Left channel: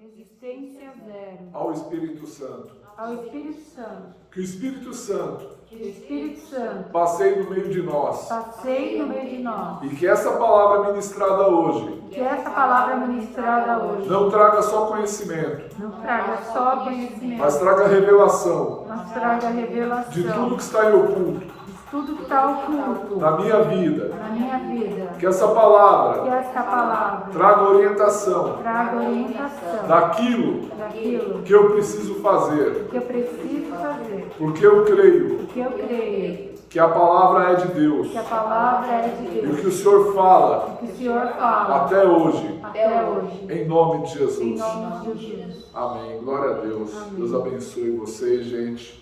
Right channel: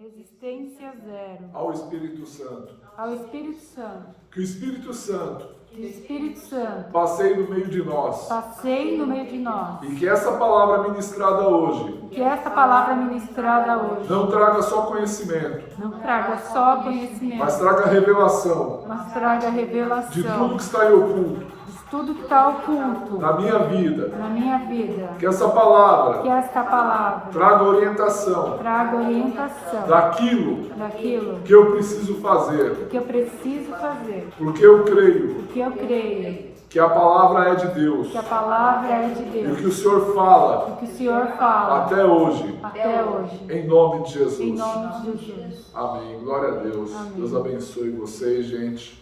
Resistência zero. Ao Espírito Santo. Ao Espírito Santo. Que o Espírito Santo Que o Espírito Santo passeie no meio de nós. passeie no meio de nós. E que essa palavra ministrada hoje Que essa palavra ministrada hoje não traga só conhecimento, não traga só conhecimento, mas traga revelação mas traga revelação de tudo que está em oculto de tudo que está oculto na minha vida. na minha vida. Que essa palavra Que esta palavra traga orientação traga orientação daquilo daquilo que eu preciso fazer, que eu preciso fazer. porque eu creio Porque eu creio que a palavra é de Deus que a palavra é de e o Deus. que o Senhor fala O que o Senhor fala até hoje, até hoje. em nome de Em Jesus. nome de Jesus. Amém. Glória a Deus. Amém. Deus abençoe vocês, gente.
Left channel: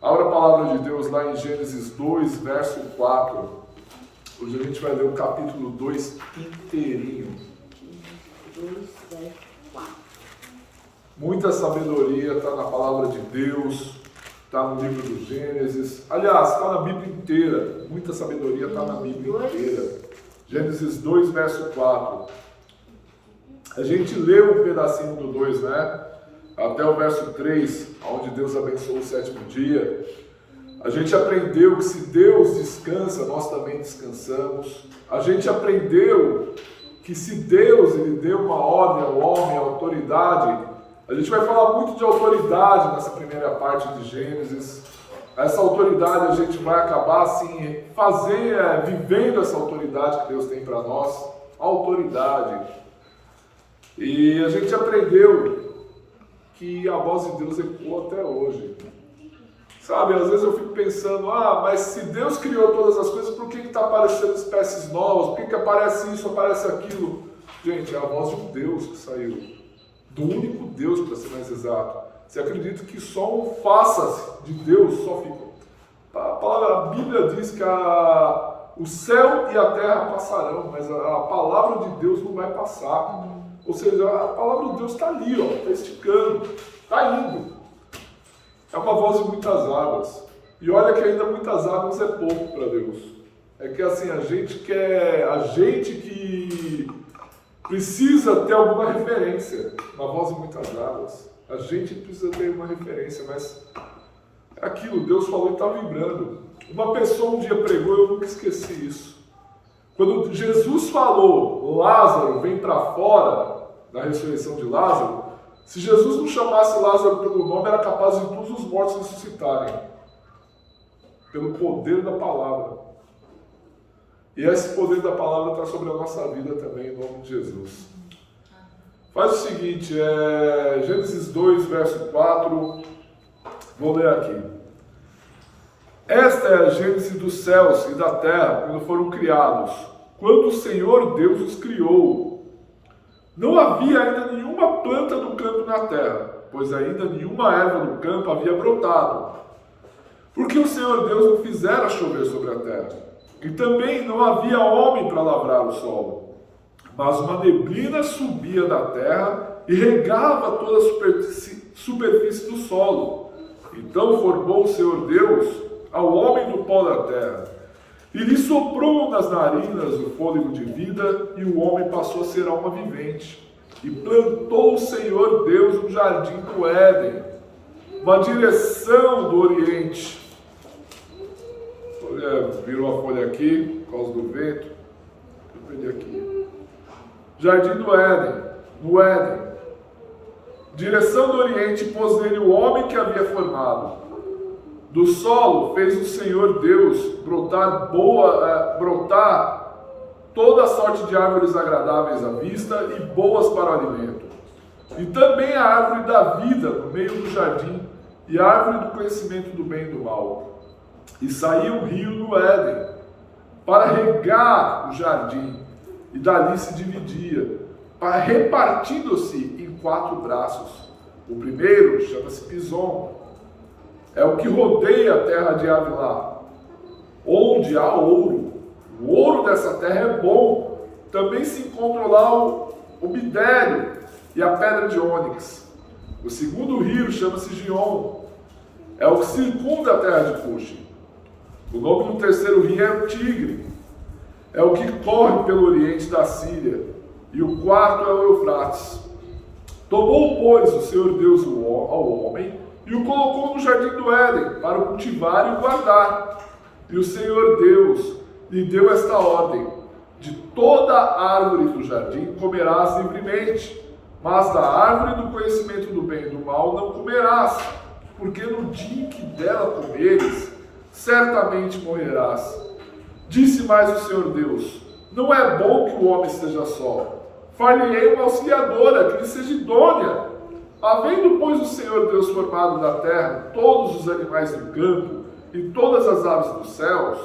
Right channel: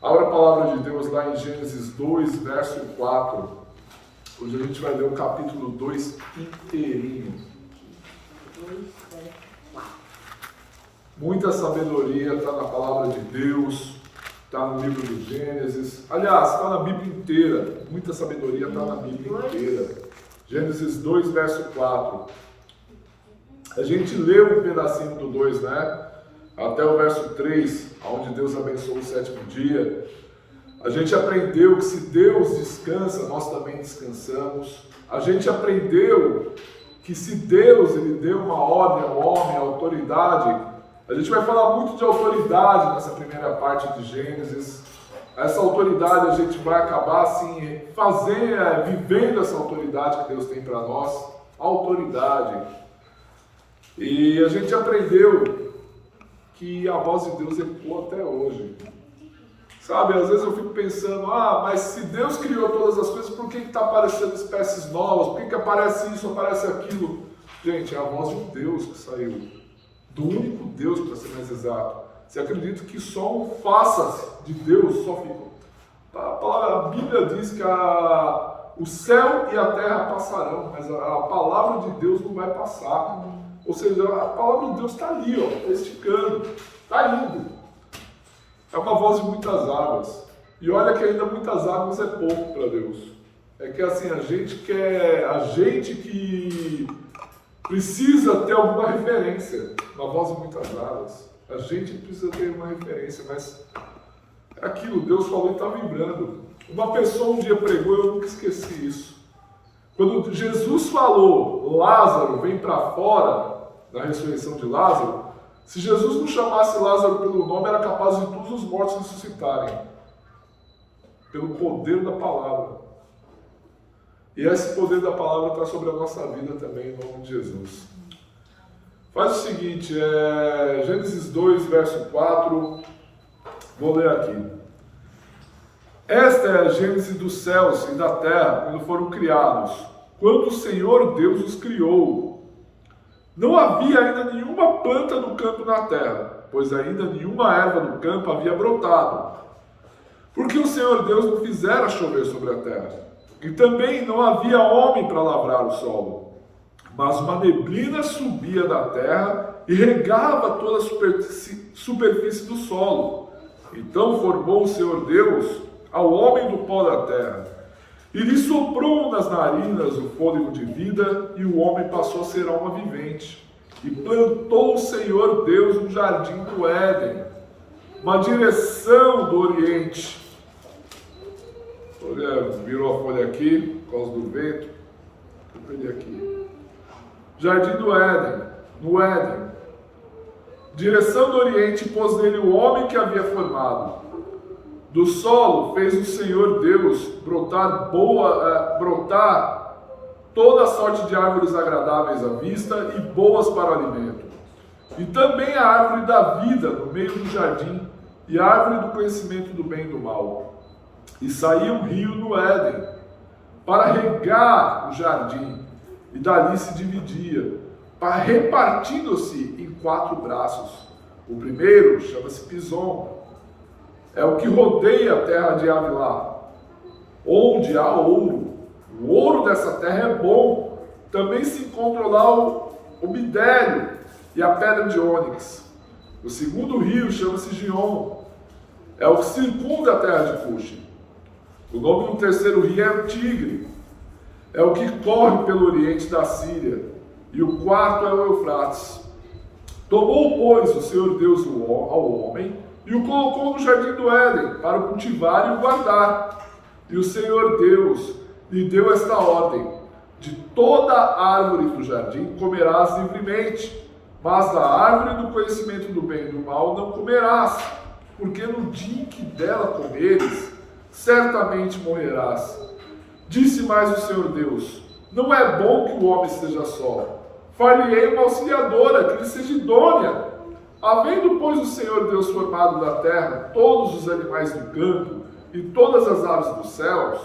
Abra a palavra de Deus lá em Gênesis 2, verso 4. Hoje a gente vai ler o capítulo 2 inteirinho. Muita sabedoria está na palavra de Deus, está no livro do Gênesis. Aliás, está na Bíblia inteira. Muita sabedoria está na Bíblia inteira. Gênesis 2, verso 4. A gente leu um pedacinho do 2, né? Até o verso 3, onde Deus abençoou o sétimo dia. A gente aprendeu que se Deus descansa, nós também descansamos. A gente aprendeu que se Deus ele deu uma ordem ao homem, a autoridade, a gente vai falar muito de autoridade nessa primeira parte de Gênesis. Essa autoridade a gente vai acabar assim, vivendo essa autoridade que Deus tem para nós. Autoridade. E a gente aprendeu que a voz de Deus ecoa até hoje. Sabe, às vezes eu fico pensando, mas se Deus criou todas as coisas, por que está aparecendo espécies novas? Por que aparece isso, aparece aquilo? Gente, é a voz de um Deus que saiu. Do único Deus, para ser mais exato. Você acredita que só um faça-se de Deus só ficou? A Bíblia diz que o céu e a terra passarão, mas a palavra de Deus não vai passar. Ou seja, a palavra de Deus está ali, está esticando, está indo. É uma voz de muitas águas. E olha que ainda muitas águas é pouco para Deus. É que assim, a gente que precisa ter alguma referência. Uma voz de muitas águas. A gente precisa ter uma referência, mas é aquilo, Deus falou e está vibrando. Uma pessoa um dia pregou, eu nunca esqueci isso. Quando Jesus falou, Lázaro vem para fora, na ressurreição de Lázaro, se Jesus não chamasse Lázaro pelo nome, era capaz de todos os mortos ressuscitarem. Pelo poder da palavra. E esse poder da palavra está sobre a nossa vida também, em nome de Jesus. Faz o seguinte, Gênesis 2, verso 4, vou ler aqui. Esta é a gênese dos céus e da terra, quando foram criados, quando o Senhor Deus os criou. Não havia ainda nenhuma planta do campo na terra, pois ainda nenhuma erva do campo havia brotado, porque o Senhor Deus não fizera chover sobre a terra. E também não havia homem para lavrar o solo, mas uma neblina subia da terra e regava toda a superfície do solo. Então formou o Senhor Deus ao homem do pó da terra, e lhe soprou nas narinas o fôlego de vida, e o homem passou a ser alma vivente. E plantou o Senhor Deus um jardim do Éden, uma direção do Oriente. Virou a folha aqui, por causa do vento. Eu perdi aqui. Jardim do Éden, no Éden. Direção do Oriente, pôs nele o homem que havia formado. Do solo fez o Senhor Deus brotar toda a sorte de árvores agradáveis à vista e boas para o alimento. E também a árvore da vida no meio do jardim, e a árvore do conhecimento do bem e do mal. E saía um rio no Éden, para regar o jardim, e dali se dividia, repartindo-se em 4 braços. O primeiro chama-se Pison, é o que rodeia a terra de Havilá, onde há ouro. O ouro dessa terra é bom. Também se encontra lá o bidélio e a pedra de ônix. O segundo rio chama-se Gion, é o que circunda a terra de Cuxi. O nome do terceiro rio é o Tigre, é o que corre pelo oriente da Síria. E o quarto é o Eufrates. Tomou, pois, o Senhor Deus ao homem e o colocou no jardim do Éden para o cultivar e o guardar. E o Senhor Deus lhe deu esta ordem: de toda árvore do jardim comerás livremente, mas da árvore do conhecimento do bem e do mal não comerás, porque no dia em que dela comeres, certamente morrerás. Disse mais o Senhor Deus: não é bom que o homem esteja só. Far-lhe-ei uma auxiliadora, que lhe seja idônea. Havendo, pois, o Senhor Deus formado da terra todos os animais do campo e todas as aves dos céus,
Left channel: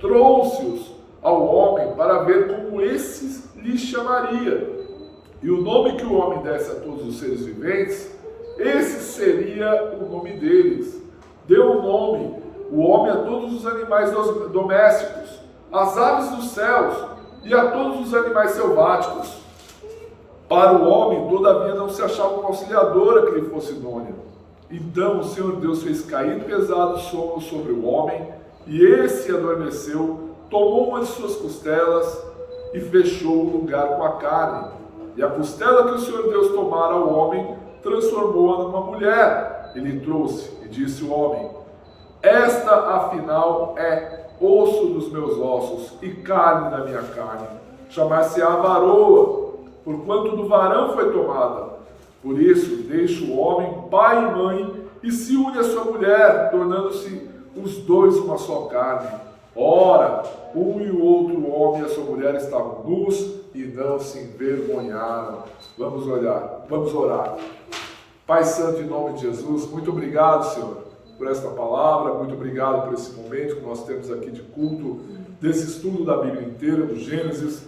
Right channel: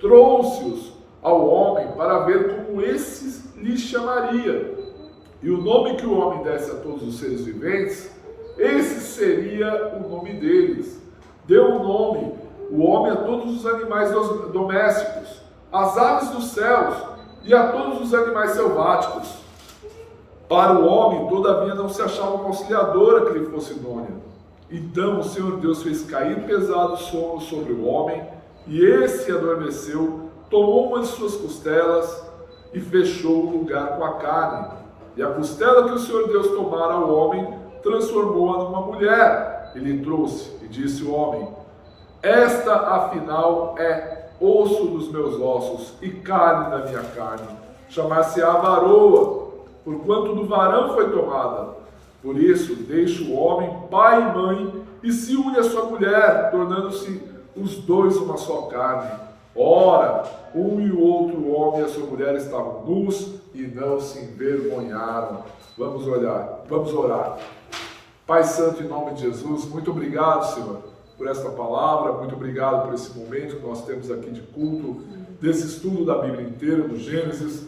trouxe-os ao homem para ver como esses lhe chamaria. E o nome que o homem desse a todos os seres viventes, esse seria o nome deles. Deu o nome, o homem, a todos os animais domésticos, às aves dos céus e a todos os animais selváticos. Para o homem, todavia, não se achava uma auxiliadora que lhe fosse idônea. Então o Senhor Deus fez cair pesado sono sobre o homem, e esse adormeceu, tomou uma de suas costelas e fechou o lugar com a carne. E a costela que o Senhor Deus tomara ao homem, transformou-a numa mulher. Ele trouxe e disse o homem: esta, afinal, é osso dos meus ossos e carne da minha carne. Chamar-se-á varoa, porquanto do varão foi tomada. Por isso, deixa o homem pai e mãe e se une à sua mulher, tornando-se os dois uma só carne. Ora, um e o outro homem e a sua mulher estavam nus e não se envergonharam. Vamos orar. Pai Santo, em nome de Jesus, muito obrigado, Senhor, por esta palavra, muito obrigado por esse momento que nós temos aqui de culto, desse estudo da Bíblia inteira, do Gênesis.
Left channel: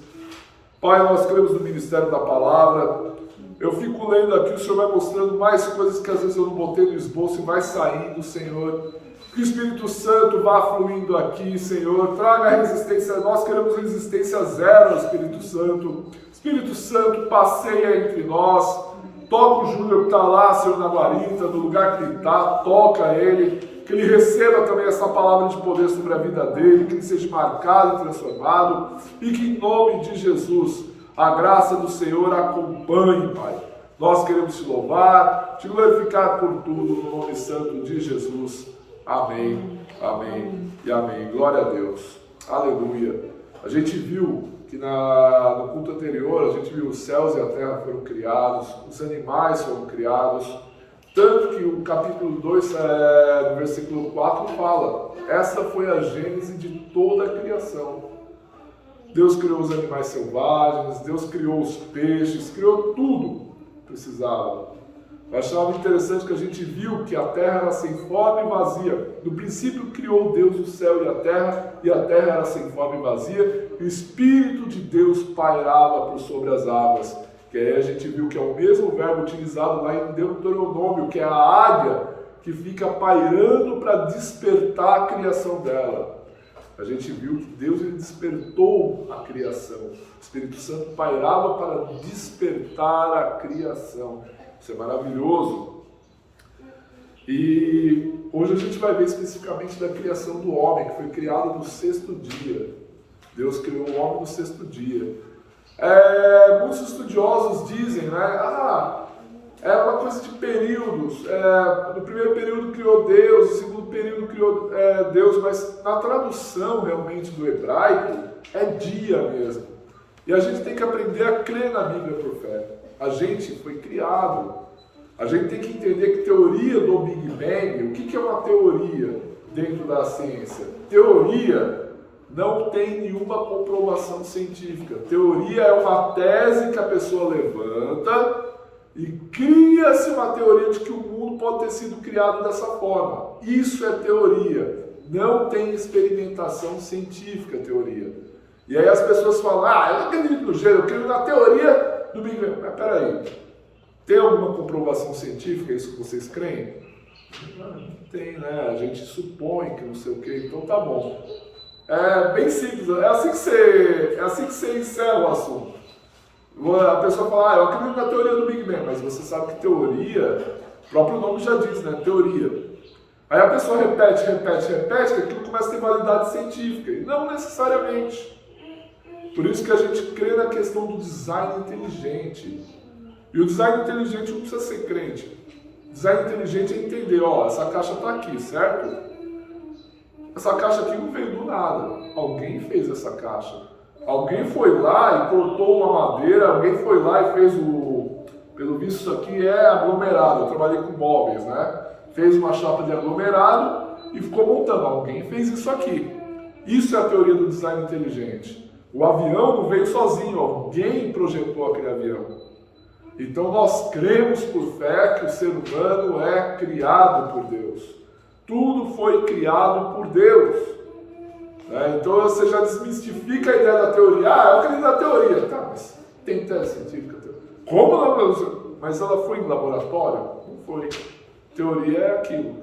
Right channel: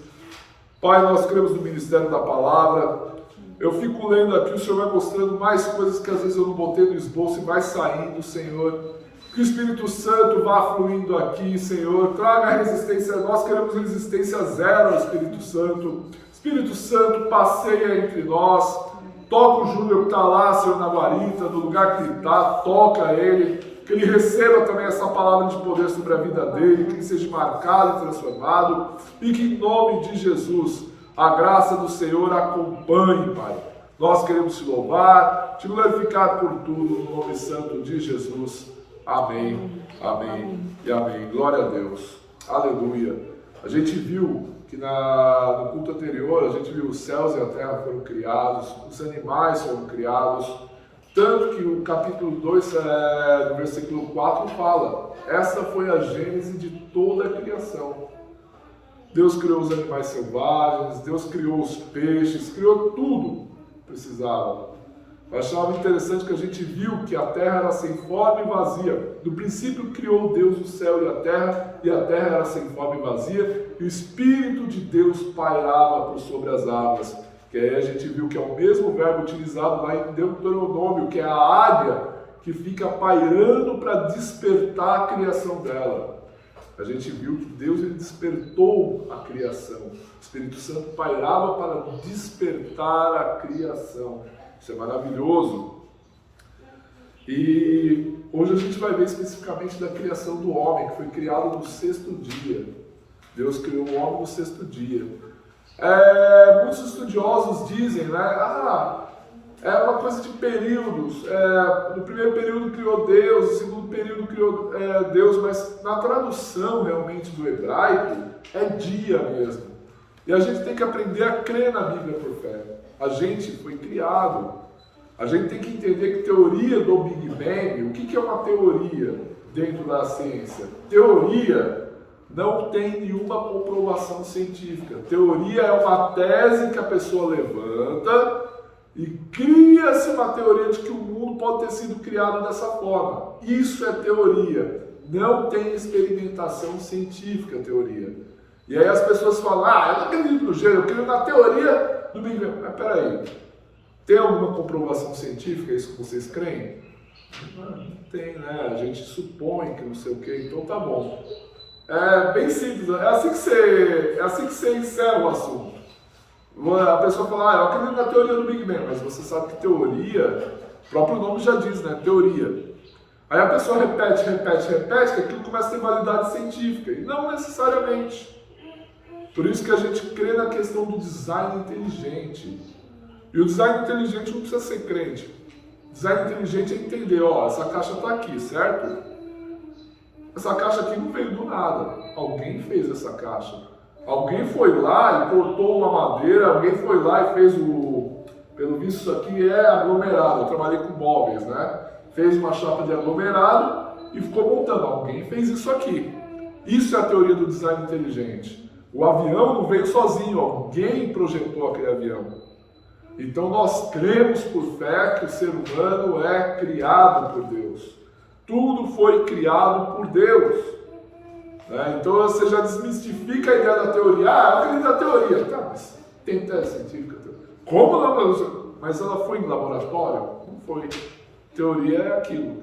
Pai, nós cremos no ministério da palavra. Eu fico lendo aqui, o Senhor vai mostrando mais coisas que às vezes eu não botei no esboço e vai saindo, Senhor. Que o Espírito Santo vá fluindo aqui, Senhor. Traga resistência, nós queremos resistência zero ao Espírito Santo. Espírito Santo, passeia entre nós. Toca o Júnior que está lá, Senhor, na guarita, no lugar que ele está. Toca ele. Que ele receba também essa palavra de poder sobre a vida dele. Que ele seja marcado e transformado. E que em nome de Jesus, a graça do Senhor acompanhe, Pai. Nós queremos te louvar, te glorificar por tudo, no nome santo de Jesus. Amém, amém e amém. Glória a Deus. Aleluia. A gente viu que no culto anterior, a gente viu os céus e a terra foram criados, os animais foram criados, tanto que o capítulo 2, no versículo 4, fala: essa foi a gênese de toda a criação. Deus criou os animais selvagens, Deus criou os peixes, criou tudo que precisava. Eu achava interessante que a gente viu que a terra era sem forma e vazia. No princípio criou Deus o céu e a terra era sem forma e vazia, e o Espírito de Deus pairava por sobre as águas. Que aí a gente viu que é o mesmo verbo utilizado lá em Deuteronômio, que é a águia que fica pairando para despertar a criação dela. A gente viu que Deus ele despertou a criação. O Espírito Santo pairava para despertar a criação. Isso é maravilhoso. E hoje a gente vai ver especificamente da criação do homem, que foi criado no 6º dia. Deus criou o homem no 6º dia. Muitos estudiosos dizem, é uma coisa de períodos. No primeiro período criou Deus, no segundo período criou Deus, mas na tradução realmente do hebraico é dia mesmo. E a gente tem que aprender a crer na Bíblia por fé. A gente foi criado. A gente tem que entender que teoria do Big Bang, o que é uma teoria dentro da ciência? Teoria não tem nenhuma comprovação científica. Teoria é uma tese que a pessoa levanta e cria-se uma teoria de que o mundo pode ter sido criado dessa forma. Isso é teoria. Não tem experimentação científica, teoria. E aí as pessoas falam, eu não acredito no gênero, eu creio na teoria do Big Bang. Mas peraí, tem alguma comprovação científica isso que vocês creem? Não tem, né? A gente supõe que não sei o quê, então tá bom. É bem simples, é assim que você encerra o assunto. A pessoa fala, eu acredito na teoria do Big Bang, mas você sabe que teoria, o próprio nome já diz, né? Teoria. Aí a pessoa repete, que aquilo começa a ter validade científica, e não necessariamente. Por isso que a gente crê na questão do design inteligente. E o design inteligente não precisa ser crente. Design inteligente é entender, ó, essa caixa está aqui, certo? Essa caixa aqui não veio do nada. Alguém fez essa caixa. Alguém foi lá e cortou uma madeira, alguém foi lá e fez o... Pelo visto isso aqui é aglomerado, eu trabalhei com móveis, né? Fez uma chapa de aglomerado e ficou montando. Alguém fez isso aqui. Isso é a teoria do design inteligente. O avião não veio sozinho, alguém projetou aquele avião. Então nós cremos por fé que o ser humano é criado por Deus. Tudo foi criado por Deus. Né? Então você já desmistifica a ideia da teoria. Ah, eu acredito na teoria. Tá, mas tem teste científica. Como não? Mas ela foi em laboratório? Não foi. Teoria é aquilo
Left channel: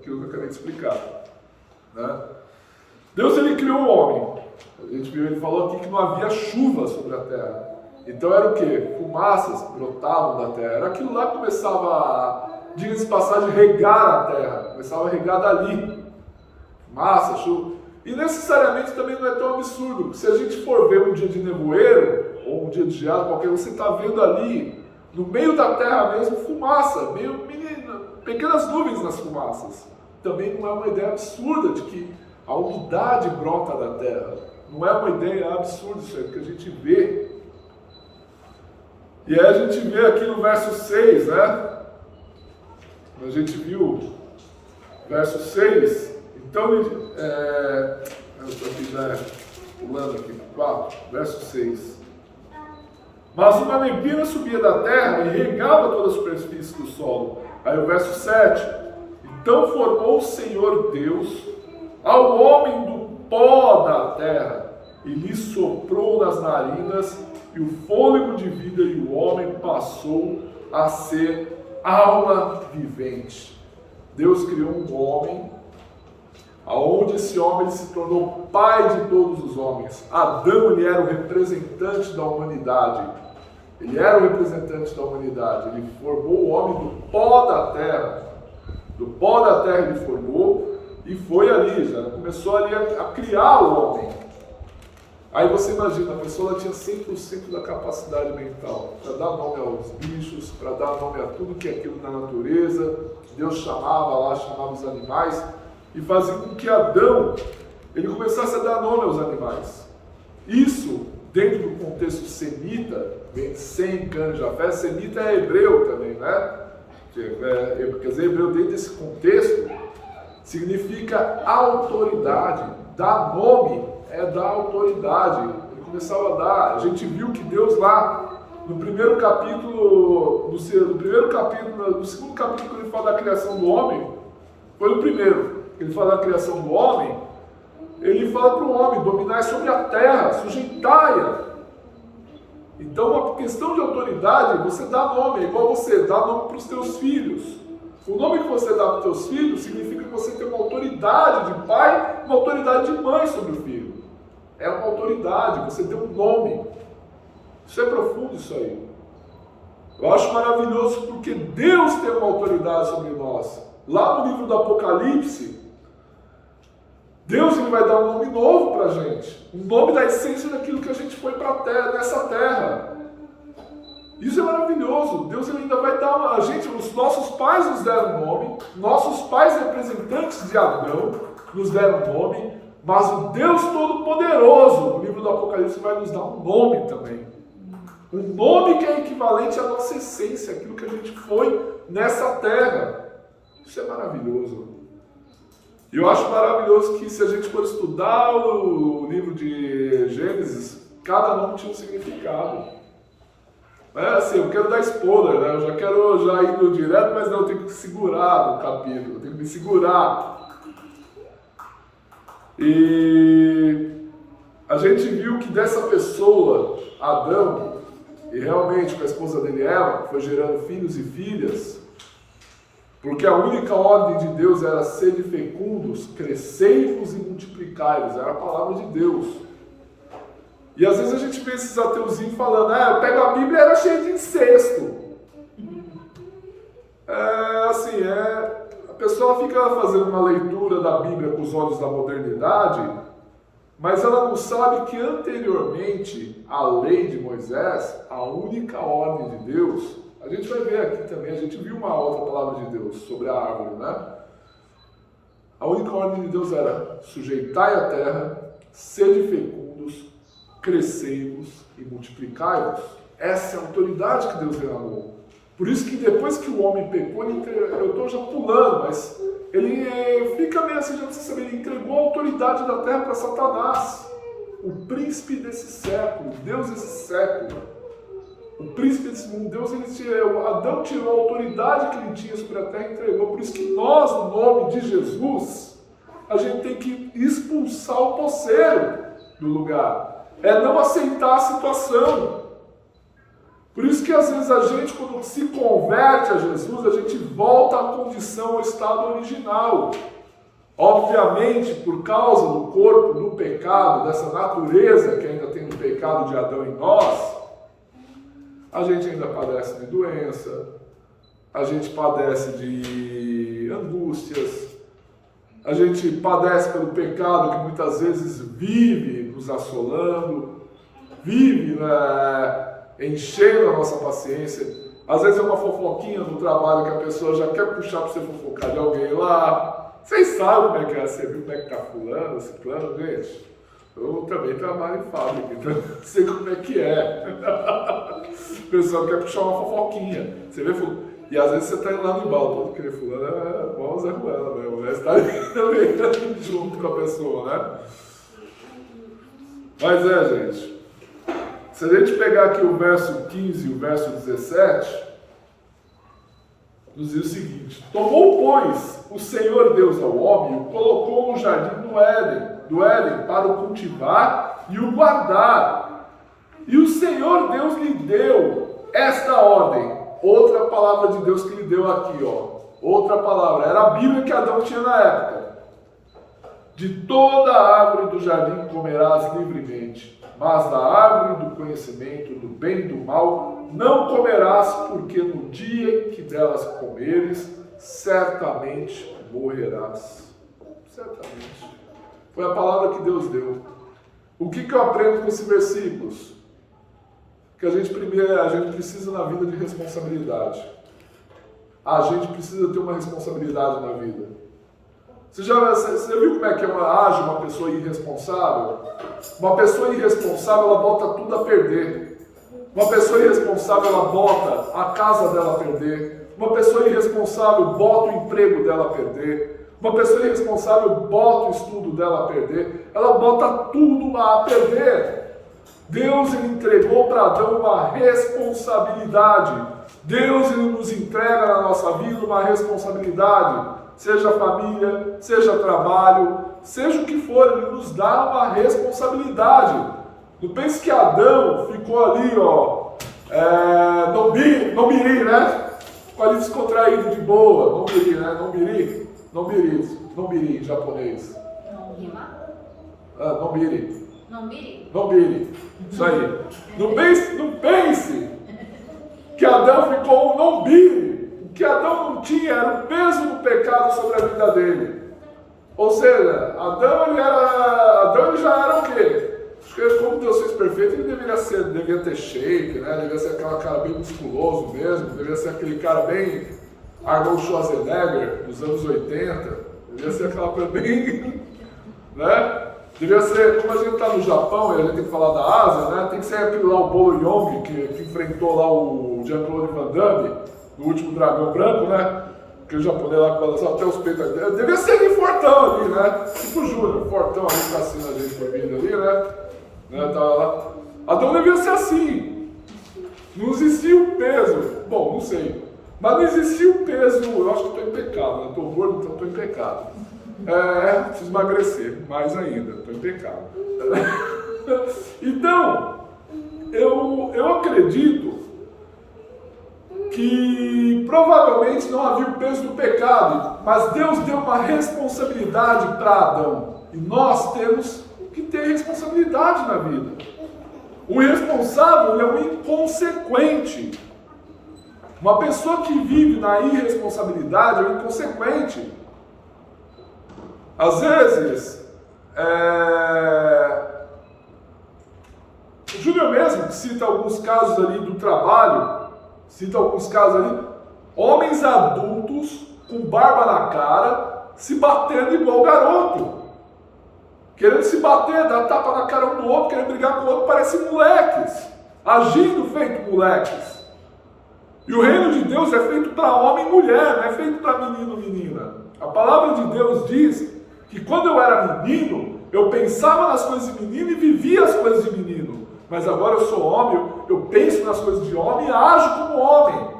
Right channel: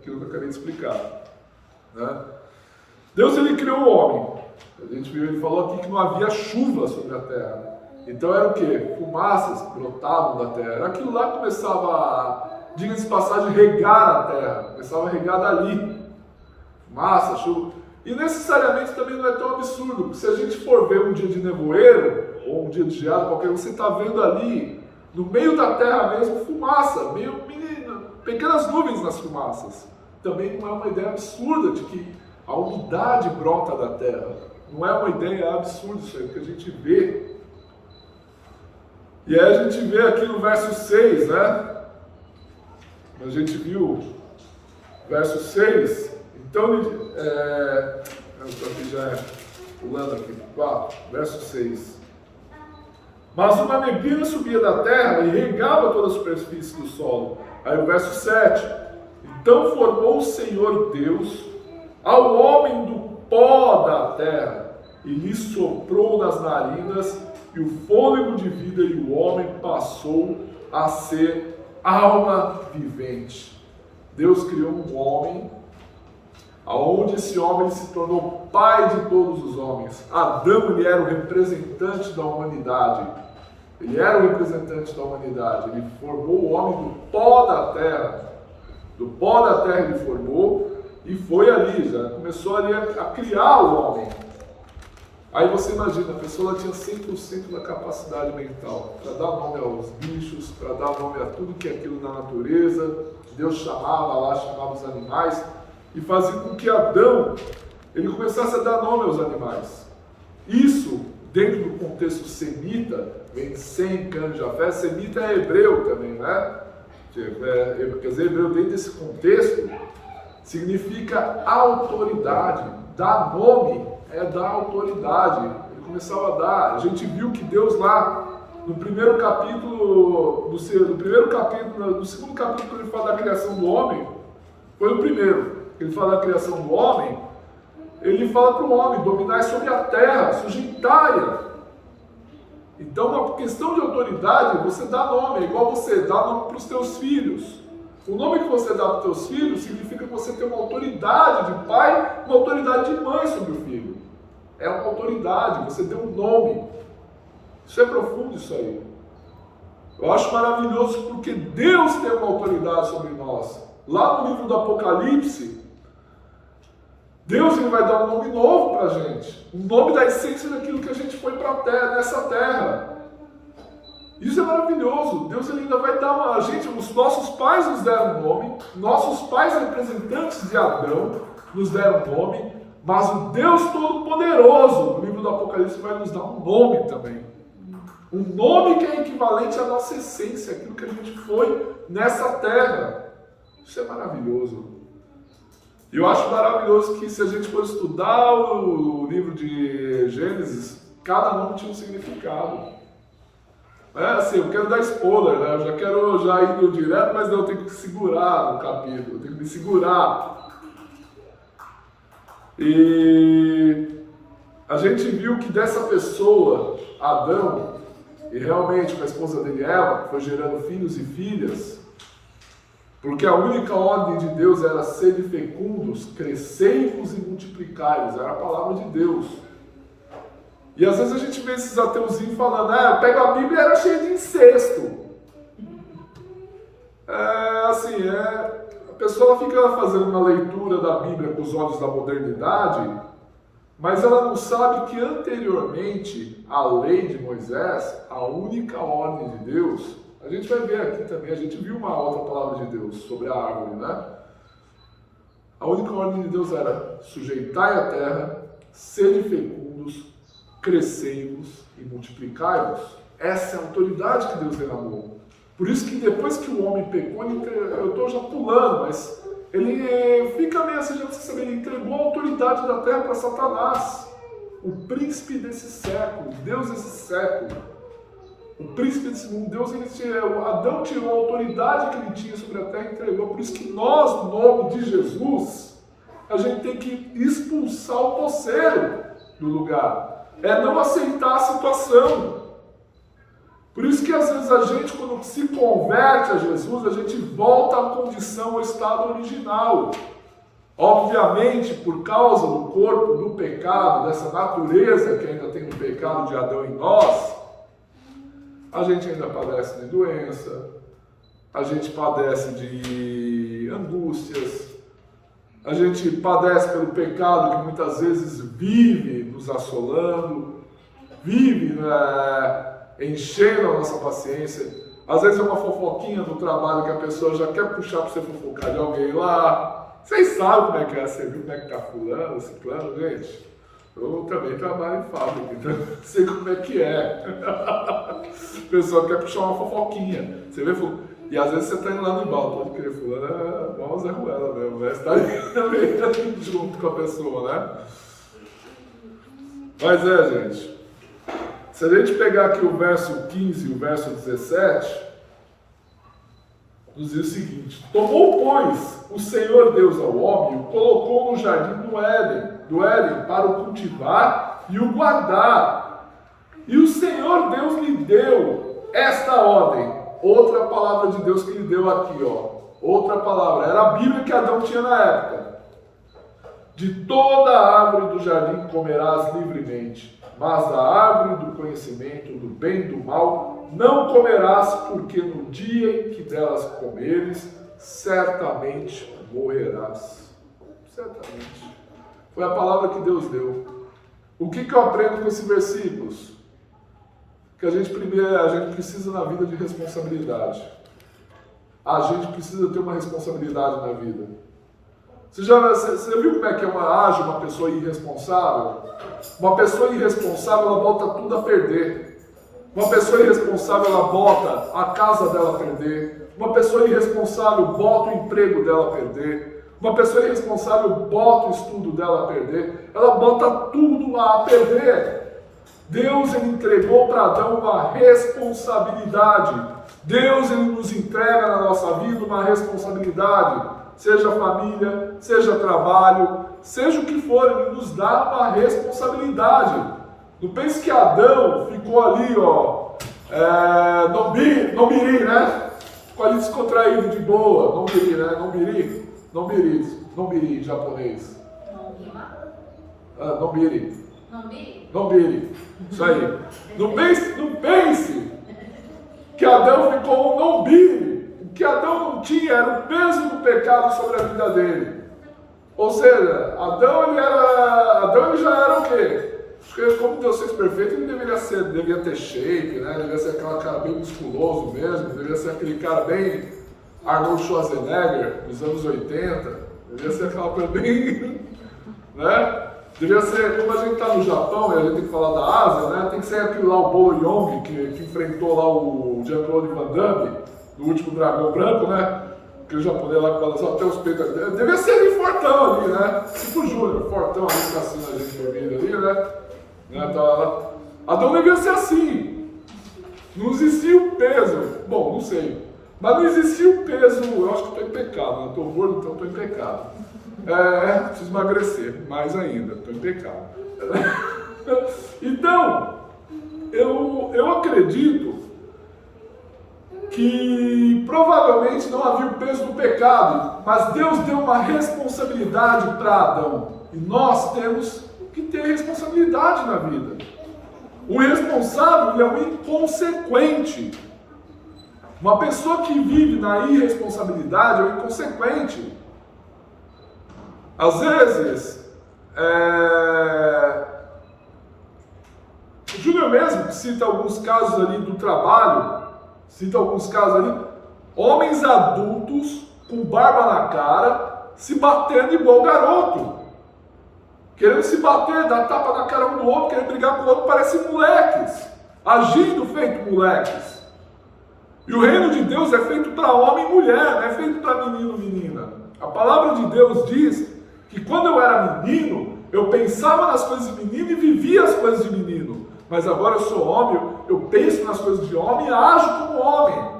que eu acabei de explicar. Né? Deus ele criou o homem. A gente viu, ele falou aqui que não havia chuva sobre a terra. Então era o quê? Fumaças brotavam da terra. Era aquilo lá que começava, diga-se de passagem, regar a terra. Começava a regar dali. Fumaça, chuva. E necessariamente também não é tão absurdo, porque se a gente for ver um dia de nevoeiro, ou um dia de geada qualquer, você está vendo ali, no meio da terra mesmo, fumaça, pequenas nuvens nas fumaças. Também não é uma ideia absurda de que a umidade brota da terra. Não é uma ideia absurda isso aí, porque a gente vê. E aí a gente vê aqui no verso 6, né? A gente viu verso 6. Então, aqui já é pulando aqui no 4, verso 6. Mas uma neblina subia da terra e regava toda a superfície do solo. Aí o verso 7. Então formou o Senhor Deus ao homem do pó da terra e lhe soprou nas narinas e o fôlego de vida, e o homem passou a ser alma vivente. Deus criou um homem, aonde esse homem ele se tornou pai de todos os homens. Adão ele era o representante da humanidade. Ele era o representante da humanidade. Ele formou o homem do pó da terra. Do pó da terra ele formou e foi ali, já começou ali a criar o homem. Aí você imagina, a pessoa tinha 100% da capacidade mental para dar nome aos bichos, para dar nome a tudo que é aquilo na natureza. Deus chamava os animais e fazia com que Adão ele começasse a dar nome aos animais. Isso, dentro do contexto semita, vem de Sem, Cã, Jafé. Semita é hebreu também, né? Quer dizer, hebreu dentro desse contexto significa autoridade. Dar nome é dar autoridade. Ele começava a dar. A gente viu que Deus lá, no primeiro capítulo, do segundo capítulo que ele fala da criação do homem, foi o primeiro. Ele fala da criação do homem, ele fala para o homem, dominai sobre a terra, sujeitai-a. Então, uma questão de autoridade, você dá nome, é igual você dá nome para os teus filhos. O nome que você dá para os teus filhos significa que você tem uma autoridade de pai, uma autoridade de mãe sobre o filho. É uma autoridade, você deu um nome. Isso é profundo, isso aí. Eu acho maravilhoso porque Deus tem uma autoridade sobre nós. Lá no livro do Apocalipse, Deus ele vai dar um nome novo para a gente. Um nome da essência daquilo que a gente foi para a terra, nessa terra. Isso é maravilhoso. Deus ele ainda vai dar a gente, os nossos pais nos deram um nome, nossos pais representantes de Adão nos deram um nome, mas o Deus Todo-Poderoso, no livro do Apocalipse, vai nos dar um nome também. Um nome que é equivalente à nossa essência, aquilo que a gente foi nessa terra. Isso é maravilhoso. E eu acho maravilhoso que se a gente for estudar o livro de Gênesis, cada nome tinha um significado. É assim, eu quero dar spoiler, né? Eu já quero ir direto, mas não, eu tenho que segurar no capítulo, eu tenho que me segurar. E a gente viu que dessa pessoa, Adão, e realmente com a esposa dele, Eva, que foi gerando filhos e filhas, porque a única ordem de Deus era sede fecundos, crescei-vos e multiplicai-vos, era a palavra de Deus. E às vezes a gente vê esses ateuzinhos falando, eu pego a Bíblia e era cheia de incesto. A pessoa fica fazendo uma leitura da Bíblia com os olhos da modernidade, mas ela não sabe que anteriormente à lei de Moisés, a única ordem de Deus, A gente vai ver aqui também, a gente viu uma outra palavra de Deus sobre a árvore, né? A única ordem de Deus era: sujeitai a terra, sede fecundos, crescei-vos e multiplicai-vos. Essa é a autoridade que Deus derramou. Por isso que depois que o homem pecou, eu estou já pulando, mas ele fica meio assim, já precisa saber, ele entregou a autoridade da terra para Satanás, o príncipe desse século, Deus desse século, o príncipe desse mundo. Adão tirou a autoridade que ele tinha sobre a terra e entregou. Por isso que nós, no nome de Jesus, a gente tem que expulsar o poceiro do lugar, é não aceitar a situação. Por isso que às vezes a gente, quando se converte a Jesus, a gente volta à condição, ao estado original. Obviamente, por causa do corpo, do pecado, dessa natureza que ainda tem do pecado de Adão em nós, a gente ainda padece de doença, a gente padece de angústias, a gente padece pelo pecado que muitas vezes vive nos assolando, vive enchendo a nossa paciência. Às vezes é uma fofoquinha no trabalho que a pessoa já quer puxar para você fofocar de alguém lá. Vocês sabem como é que é, você viu como é que tá fulano, ciclano, gente? Eu também trabalho em fábrica, então sei como é que é. A pessoa quer puxar uma fofoquinha. Você vê, e às vezes você tá indo lá no embalo, pode crer, fulano é bom Zé Ruela mesmo, né? Você tá também junto com a pessoa, né? Mas gente, se a gente pegar aqui o verso 15 e o verso 17, nos diz o seguinte: tomou, pois, o Senhor Deus ao homem e o colocou no jardim do Éden para o cultivar e o guardar. E o Senhor Deus lhe deu esta ordem. Outra palavra de Deus que lhe deu aqui, ó. Outra palavra. Era a Bíblia que Adão tinha na época. De toda a árvore do jardim comerás livremente, mas da árvore do conhecimento do bem e do mal não comerás, porque no dia em que delas comeres, certamente morrerás. Certamente. Foi a palavra que Deus deu. O que eu aprendo com esses versículos? Que a gente precisa na vida de responsabilidade. A gente precisa ter uma responsabilidade na vida. Você viu como é que age uma pessoa irresponsável? Uma pessoa irresponsável, ela bota tudo a perder. Uma pessoa irresponsável, ela bota a casa dela a perder. Uma pessoa irresponsável bota o emprego dela a perder. Uma pessoa irresponsável bota o estudo dela a perder. Ela bota tudo a perder. Deus, ele entregou para Adão uma responsabilidade. Deus, ele nos entrega na nossa vida uma responsabilidade. Seja família, seja trabalho, seja o que for, ele nos dá uma responsabilidade. Não pense que Adão ficou ali, não miri, né? Ficou ali descontraído, de boa, não miri, né? Não miri em japonês. Não miri. Isso aí. Não pense que Adão ficou um não miri. O que Adão não tinha era o peso do pecado sobre a vida dele. Ou seja, Adão ele já era o quê? Acho que como Deus fez perfeito, ele devia ter shape, né? Devia ser aquele cara bem musculoso mesmo, devia ser aquele cara bem Arnold Schwarzenegger dos anos 80, devia ser aquela coisa bem, né? Devia ser, como a gente está no Japão e a gente tem que falar da Ásia, né? Tem que ser aquele lá, o Bolo Yeong, que enfrentou lá o Jean-Claude Van Damme, no último Dragão Branco, né? Aquele japonês lá que balançava até os peitos. Devia ser ali fortão ali, né? Tipo o Júnior, fortão ali, caçando a gente por vídeo ali, né? Tava lá. Adão devia ser assim. Não existia o peso. Bom, não sei. Mas não existia o peso. Eu acho que estou em pecado, né? Estou gordo, então estou em pecado. Preciso emagrecer mais ainda. Estou em pecado. Então, eu acredito que provavelmente não havia o peso do pecado, mas Deus deu uma responsabilidade para Adão. E nós temos que ter responsabilidade na vida. O irresponsável é um inconsequente. Uma pessoa que vive na irresponsabilidade é um inconsequente. Às vezes, o Júnior mesmo, que cita alguns casos ali do trabalho, Cita alguns casos ali. Homens adultos com barba na cara, se batendo igual garoto. Querendo se bater, dar tapa na cara um do outro, querendo brigar com o outro, parecem moleques. Agindo feito moleques. E o reino de Deus é feito para homem e mulher, não é feito para menino e menina. A palavra de Deus diz que quando eu era menino, eu pensava nas coisas de menino e vivia as coisas de menino. Mas agora eu sou homem, eu penso nas coisas de homem e ajo como homem.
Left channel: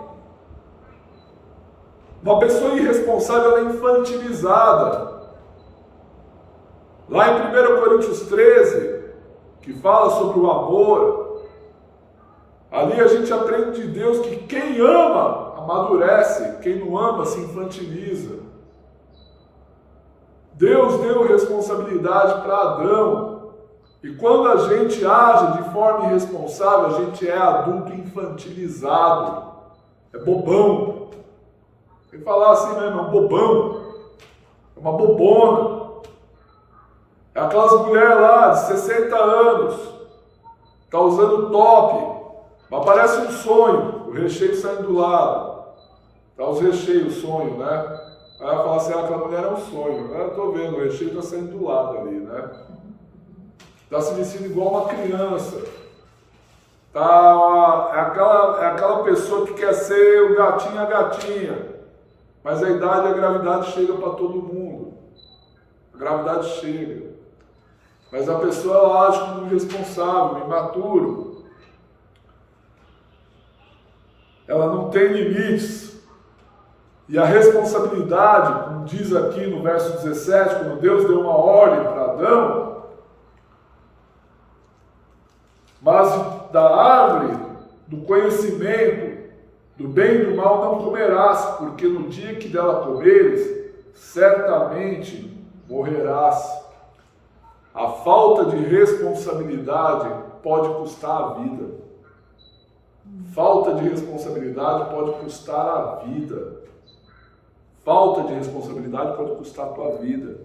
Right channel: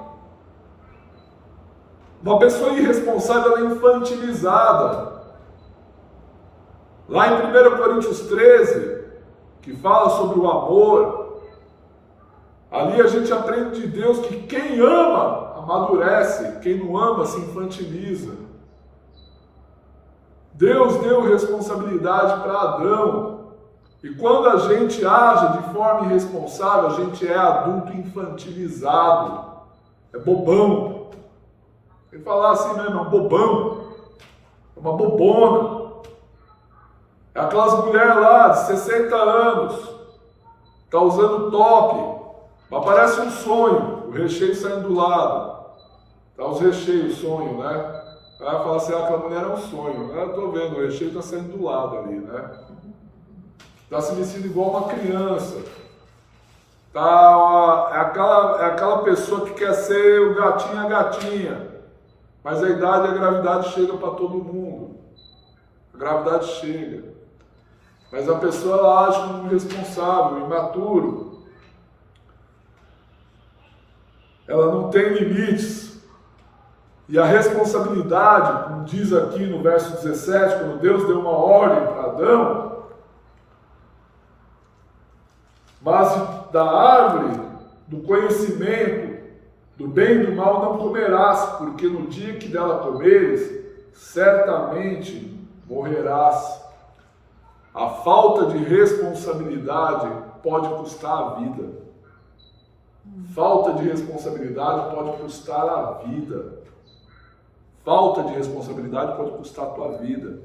Uma pessoa irresponsável, ela é infantilizada. Lá em 1 Coríntios 13, que fala sobre o amor, ali a gente aprende de Deus que quem ama amadurece, quem não ama se infantiliza. Deus deu responsabilidade para Adão, e quando a gente age de forma irresponsável, a gente é adulto infantilizado, é bobão. Quem falar assim mesmo, é um bobão, é uma bobona. É aquelas mulheres lá de 60 anos, tá usando top, mas parece um sonho, o recheio saindo do lado. Tá os recheios, sonho, né? Aí ela fala assim, aquela mulher é um sonho. Eu tô vendo, o recheio tá saindo do lado ali, né? Tá se vestindo igual uma criança. É aquela pessoa que quer ser o gatinho e a gatinha. Mas a idade e a gravidade chega para todo mundo. A gravidade chega. Mas a pessoa ela age como irresponsável, imaturo. Ela não tem limites. E a responsabilidade, como diz aqui no verso 17, quando Deus deu uma ordem para Adão, mas da árvore do conhecimento do bem e do mal não comerás, porque no dia que dela comeres, certamente morrerás. A falta de responsabilidade pode custar a vida. Falta de responsabilidade pode custar a vida. Falta de responsabilidade pode custar a tua vida.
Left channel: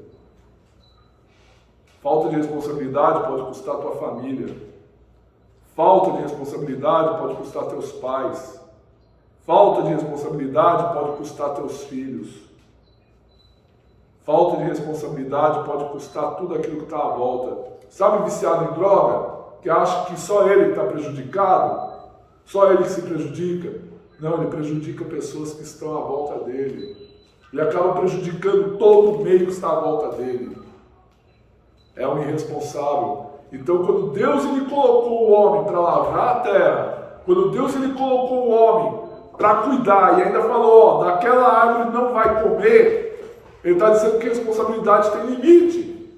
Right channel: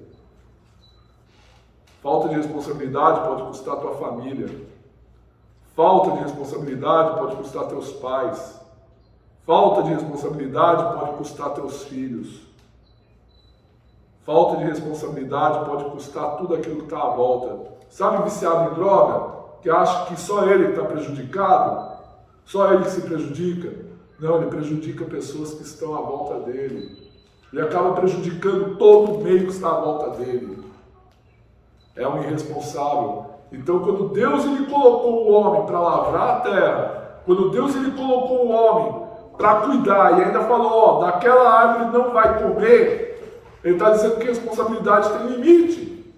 Falta de responsabilidade pode custar a tua família. Falta de responsabilidade pode custar teus pais. Falta de responsabilidade pode custar teus filhos. Falta de responsabilidade pode custar tudo aquilo que está à volta. Sabe, viciado em droga, que acha que só ele está prejudicado? Só ele que se prejudica? Não, ele prejudica pessoas que estão à volta dele. Ele acaba prejudicando todo o meio que está à volta dele. É um irresponsável. Então, quando Deus ele colocou o homem para lavrar a terra, quando Deus ele colocou o homem para cuidar, e ainda falou, ó, daquela árvore não vai comer, ele está dizendo que a responsabilidade tem limite.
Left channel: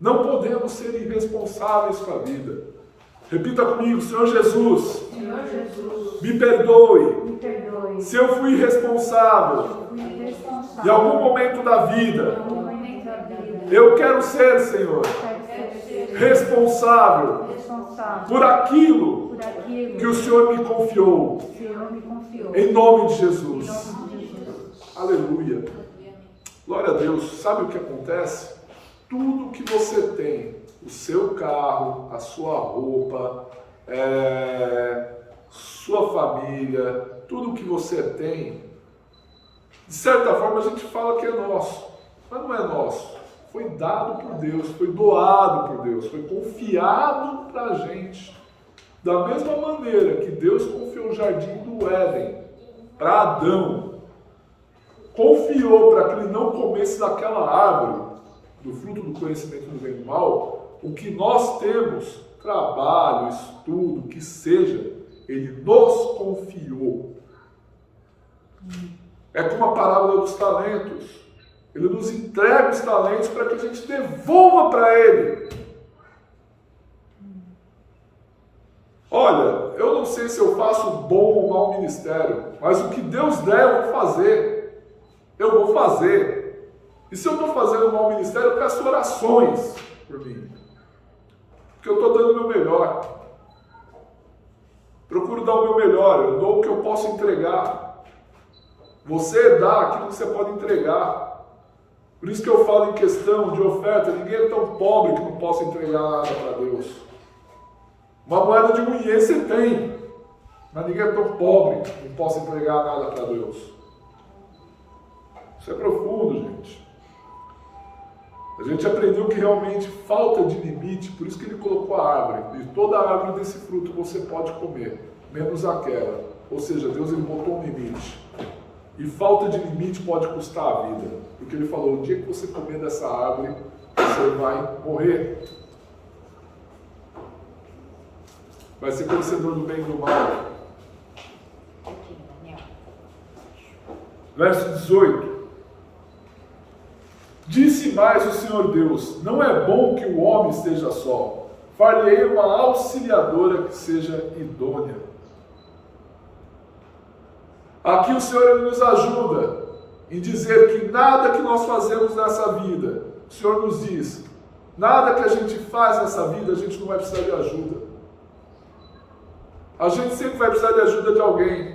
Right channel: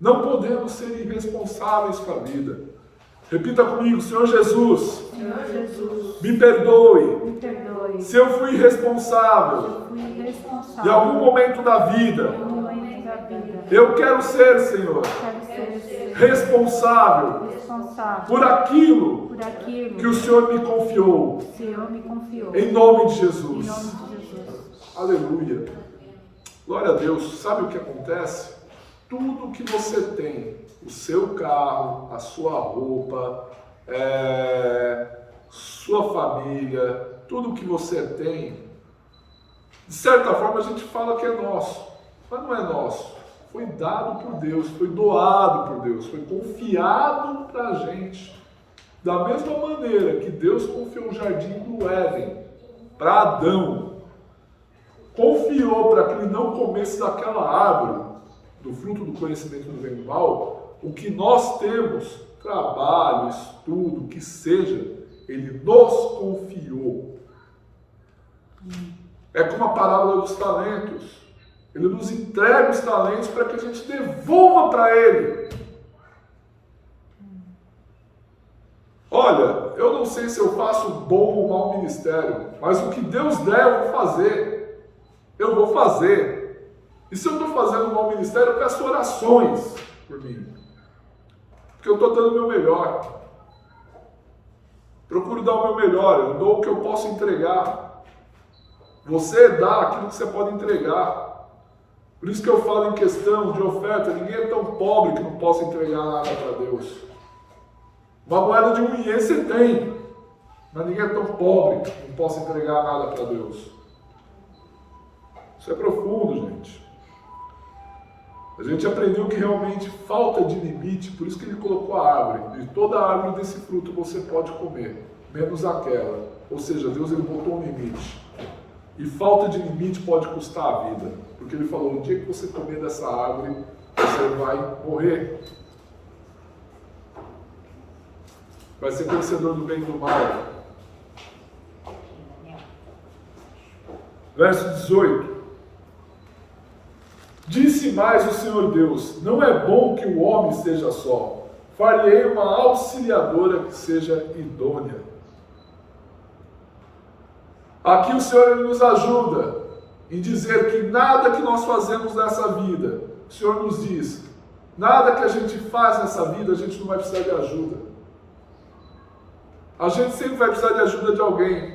Não podemos ser irresponsáveis com a vida. Repita comigo, Senhor Jesus, me perdoe, se eu fui irresponsável em algum momento da vida. Eu quero ser, Senhor, responsável por aquilo que o Senhor me confiou. Em nome de Jesus. Aleluia. Glória a Deus. Sabe o que acontece? Tudo que você tem, o seu carro, a sua roupa, sua família, tudo que você tem, de certa forma a gente fala que é nosso, mas não é nosso. Foi dado por Deus, foi doado por Deus, foi confiado para a gente. Da mesma maneira que Deus confiou o jardim do Éden para Adão, confiou para que ele não comesse daquela árvore, do fruto do conhecimento do bem e do mal, o que nós temos, trabalho, estudo, que seja, ele nos confiou. É como a parábola dos talentos. Ele nos entrega os talentos para que a gente devolva para ele. Olha, eu não sei se eu faço bom ou mau ministério, mas o que Deus der eu vou fazer. Eu vou fazer. E se eu estou fazendo um mau ministério, eu peço orações por mim. Porque eu estou dando o meu melhor. Procuro dar o meu melhor, eu dou o que eu posso entregar. Você dá aquilo que você pode entregar. Por isso que eu falo em questão de oferta, ninguém é tão pobre que não possa entregar nada para Deus. Uma moeda de 1 iê você tem. Mas ninguém é tão pobre que não possa entregar nada para Deus. Isso é profundo, gente. A gente aprendeu que realmente falta de limite, por isso que ele colocou a árvore. De toda a árvore desse fruto você pode comer, menos aquela. Ou seja, Deus ele botou um limite. E falta de limite pode custar a vida. Porque ele falou, o dia que você comer dessa árvore, você vai morrer. Vai ser conhecedor do bem e do mal. Verso 18. Disse mais o Senhor Deus, não é bom que o homem esteja só. Far-lhe-ei uma auxiliadora que seja idônea. Aqui o Senhor ele nos ajuda em dizer que nada que nós fazemos nessa vida, o Senhor nos diz, nada que a gente faz nessa vida, a gente não vai precisar de ajuda. A gente sempre vai precisar de ajuda de alguém.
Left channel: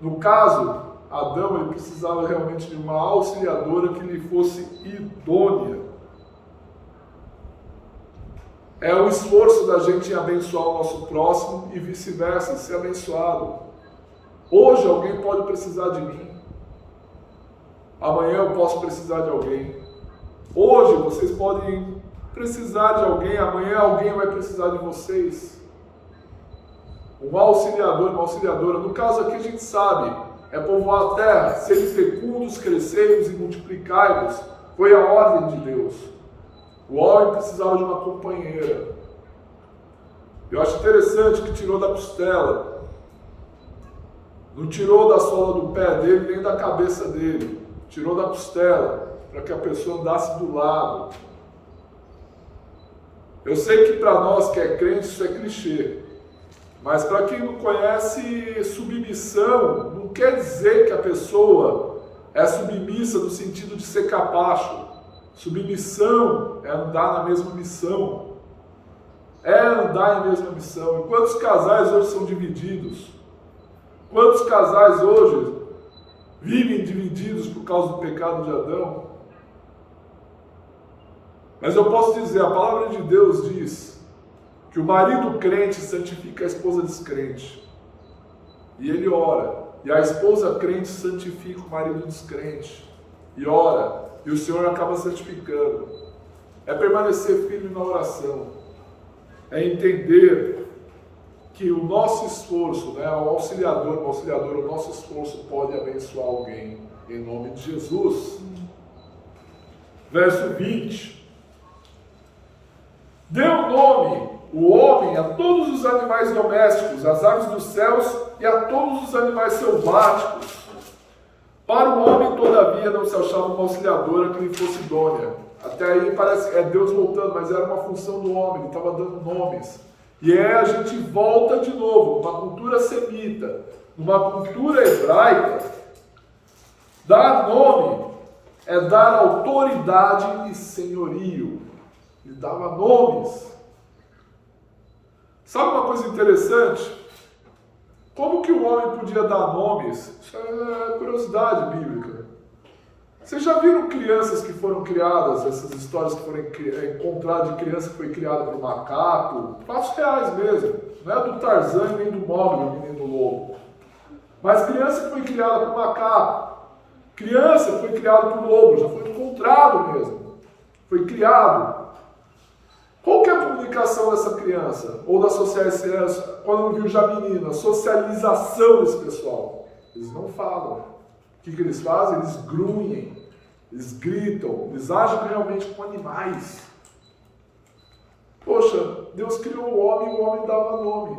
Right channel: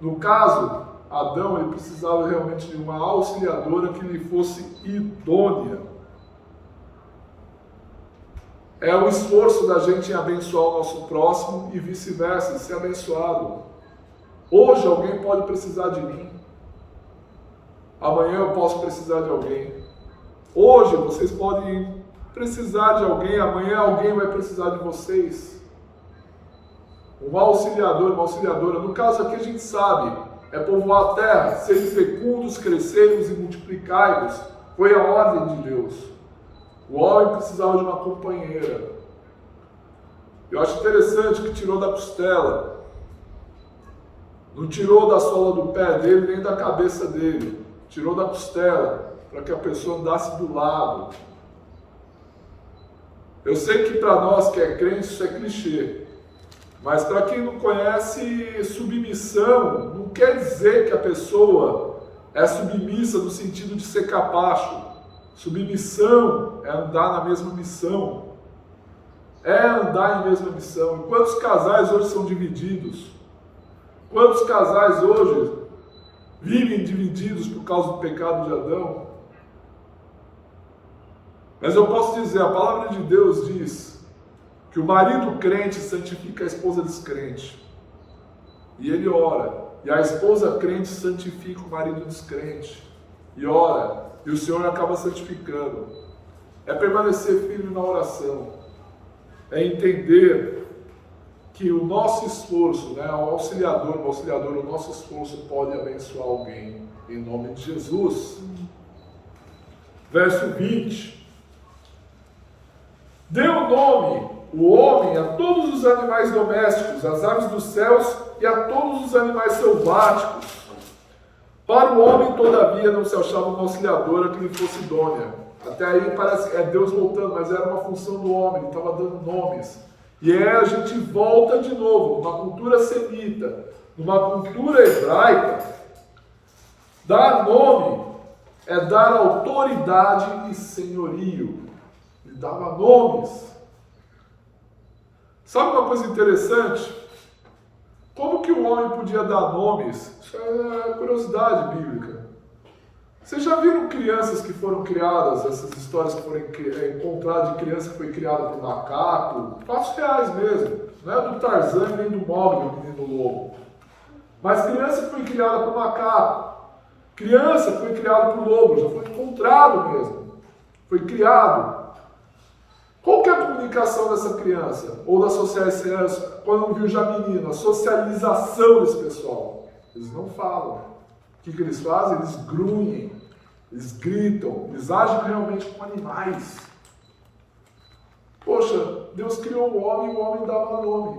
No caso, Adão ele precisava realmente de uma auxiliadora que lhe fosse idônea. É o esforço da gente em abençoar o nosso próximo e vice-versa, ser abençoado. Hoje alguém pode precisar de mim. Amanhã eu posso precisar de alguém. Hoje vocês podem precisar de alguém, amanhã alguém vai precisar de vocês. Um auxiliador, uma auxiliadora. No caso aqui a gente sabe, é povoar a terra, serem fecundos, crescei-vos e multiplicai-vos. Foi a ordem de Deus. O homem precisava de uma companheira. Eu acho interessante que tirou da costela. Não tirou da sola do pé dele, nem da cabeça dele. Tirou da costela, para que a pessoa andasse do lado. Eu sei que para nós que é crente isso é clichê. Mas para quem não conhece, submissão não quer dizer que a pessoa é submissa no sentido de ser capacho. Submissão é andar na mesma missão. É andar em mesma missão. E quantos casais hoje são divididos? Quantos casais hoje vivem divididos por causa do pecado de Adão? Mas eu posso dizer, a palavra de Deus diz que o marido crente santifica a esposa descrente. E ele ora. E a esposa crente santifica o marido descrente. E ora. E o Senhor acaba santificando. É permanecer firme na oração. É entender que o nosso esforço, o auxiliador, o nosso esforço pode abençoar alguém. Em nome de Jesus. Verso 20. Deu nome o homem a todos os animais domésticos, às aves dos céus e a todos os animais selváticos. Para o homem, todavia, não se achava uma auxiliadora que lhe fosse idônea. Até aí parece que é Deus voltando, mas era uma função do homem, ele estava dando nomes. E a gente volta de novo, numa cultura semita, numa cultura hebraica, dar nome é dar autoridade e senhorio. Ele dava nomes. Sabe uma coisa interessante? Como que o homem podia dar nomes? Isso é curiosidade bíblica. Vocês já viram crianças que foram criadas, essas histórias que foram encontradas de criança que foi criada por macaco? Fatos reais mesmo. Não é do Tarzan nem do Mogli, o menino lobo. Mas criança que foi criada por macaco. Criança que foi criada por lobo, já foi encontrado mesmo. Foi criado. Qual que é a comunicação dessa criança? Ou da socialização, quando não viu já menina, a socialização desse pessoal. Eles não falam. O que eles fazem? Eles grunhem, eles gritam, eles agem realmente como animais. Poxa, Deus criou o homem dava nome.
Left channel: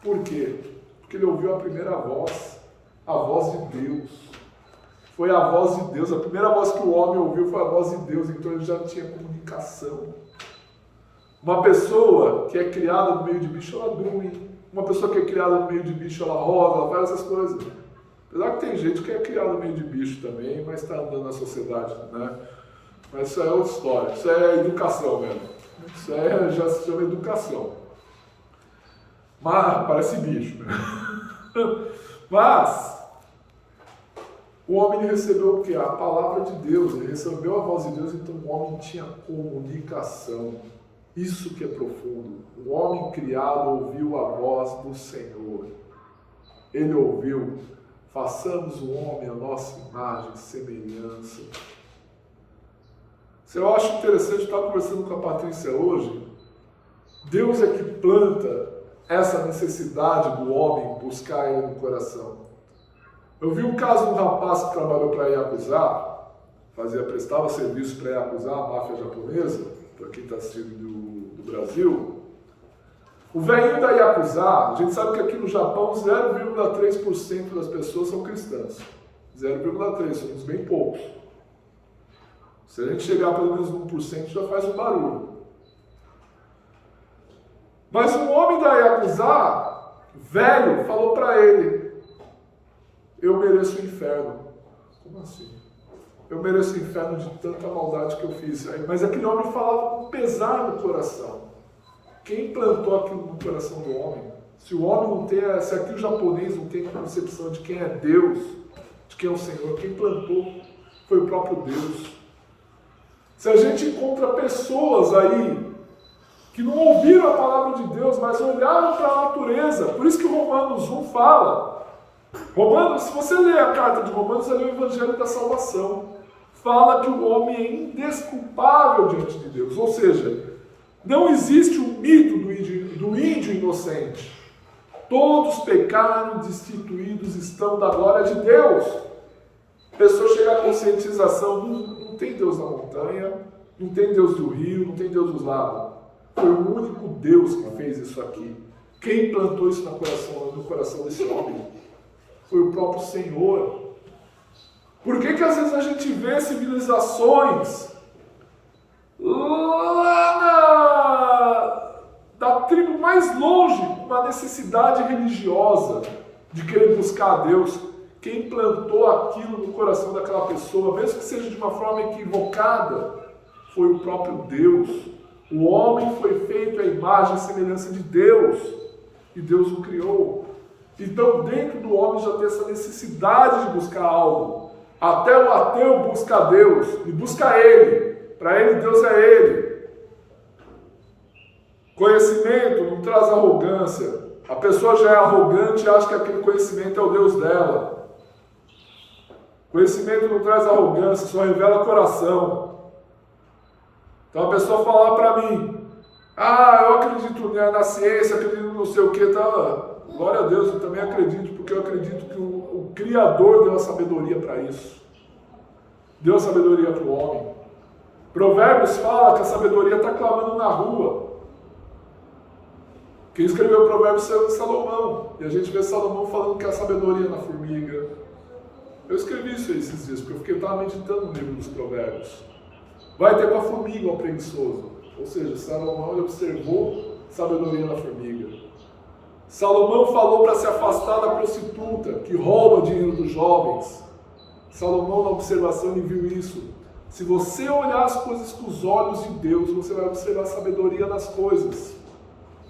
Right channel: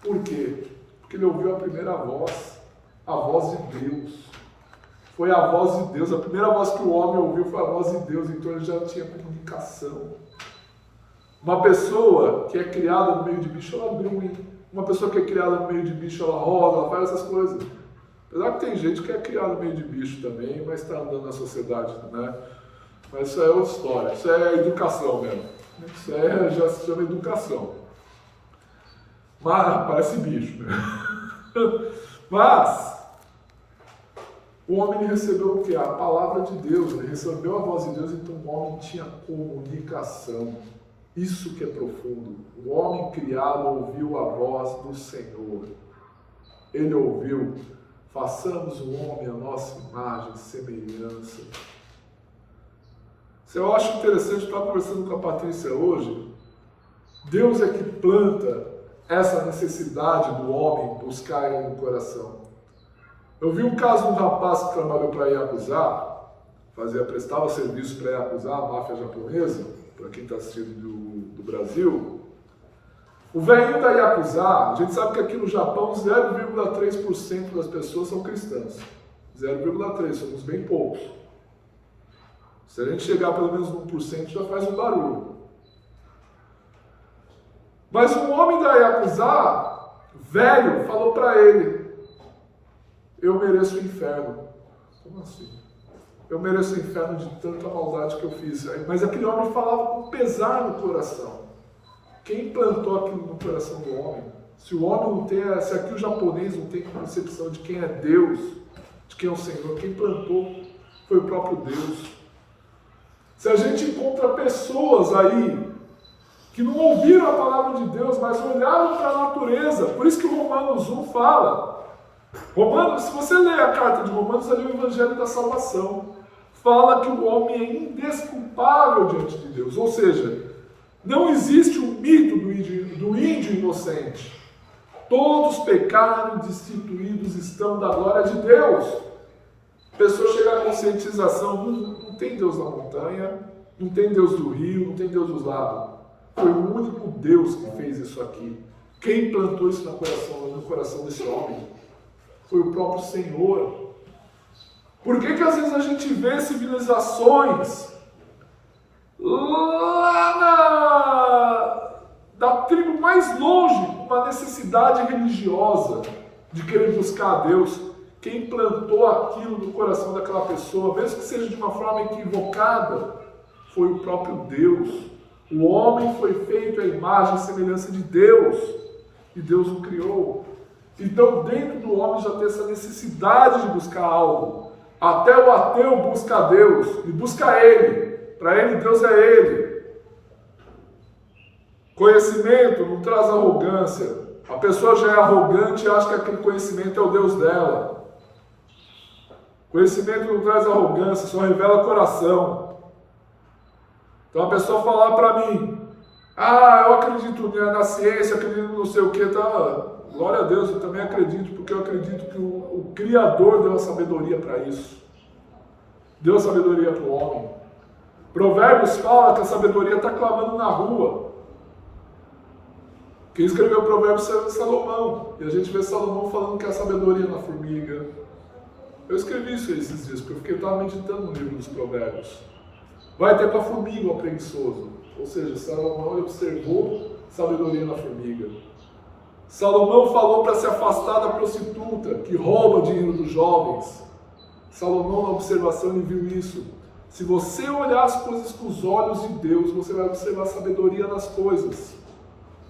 Por quê? Porque ele ouviu a primeira voz, a voz de Deus. Foi a voz de Deus, a primeira voz que o homem ouviu foi a voz de Deus, então ele já tinha comunicação. Uma pessoa que é criada no meio de bicho, ela grunhe. Uma pessoa que é criada no meio de bicho, ela roda, ela faz essas coisas. Apesar que tem gente que é criada no meio de bicho também, mas está andando na sociedade, né? Mas isso é outra história. Isso é educação mesmo. Isso já se chama educação. Mas parece bicho, né? Mas o homem recebeu o quê? A palavra de Deus. Ele recebeu a voz de Deus, então o homem tinha comunicação. Isso que é profundo. O homem criado ouviu a voz do Senhor. ele ouviu: façamos o homem a nossa imagem e semelhança. Eu acho interessante, estar conversando com a Patrícia hoje. Deus é que planta essa necessidade do homem buscar ele no coração. Eu vi um caso de um rapaz que trabalhou para Yakuza, prestava serviço para Yakuza, a máfia japonesa, para quem está assistindo do Brasil. O velhinho da Yakuza, a gente sabe que aqui no Japão 0,3% das pessoas são cristãs. 0,3%, somos bem poucos. Se a gente chegar pelo menos no 1%, já faz um barulho. Mas um homem da Yakuza, velho, falou para ele: eu mereço o inferno. Como assim? Eu mereço o inferno de tanta maldade que eu fiz. Mas aquele homem falava com pesar no coração. Quem plantou aquilo no coração do homem? Se o homem não tem, se aqui o japonês não tem concepção de quem é Deus, de quem é o Senhor, quem plantou foi o próprio Deus. Se a gente encontra pessoas aí que não ouviram a palavra de Deus, mas olharam para a natureza, por isso que o Romanos 1 fala. Romanos, se você ler a carta de Romanos, ali é o Evangelho da Salvação. Fala que o homem é indesculpável diante de Deus. Ou seja, não existe o mito do índio inocente. Todos pecaram, destituídos estão da glória de Deus. A pessoa chega à conscientização: não tem Deus na montanha, não tem Deus do rio, não tem Deus dos lagos. Foi o único Deus que fez isso aqui. Quem plantou isso no coração desse homem? Foi o próprio Senhor. Por que às vezes a gente vê civilizações lá da tribo mais longe, uma necessidade religiosa de querer buscar a Deus? Quem plantou aquilo no coração daquela pessoa, mesmo que seja de uma forma equivocada, foi o próprio Deus. O homem foi feito à imagem e semelhança de Deus, e Deus o criou. Então, dentro do homem já tem essa necessidade de buscar algo. Até o ateu busca a Deus, e busca Ele. Para ele, Deus é Ele. Conhecimento não traz arrogância. A pessoa já é arrogante e acha que aquele conhecimento é o Deus dela. Conhecimento não traz arrogância, só revela coração. Então a pessoa falar para mim: eu acredito na ciência, acredito no não sei o que, tá? Glória a Deus, eu também acredito, porque eu acredito que o Criador deu a sabedoria para isso. Deu a sabedoria para o homem. Provérbios fala que a sabedoria está clamando na rua. Quem escreveu o Provérbios é Salomão. E a gente vê Salomão falando que a sabedoria na formiga. Eu escrevi isso esses dias, porque eu estava meditando no livro dos Provérbios. Vai ter com a formiga o preguiçoso. Ou seja, Salomão ele observou sabedoria na formiga. Salomão falou para se afastar da prostituta, que rouba dinheiro dos jovens. Salomão, na observação, ele viu isso. Se você olhar as coisas com os olhos de Deus, você vai observar a sabedoria nas coisas.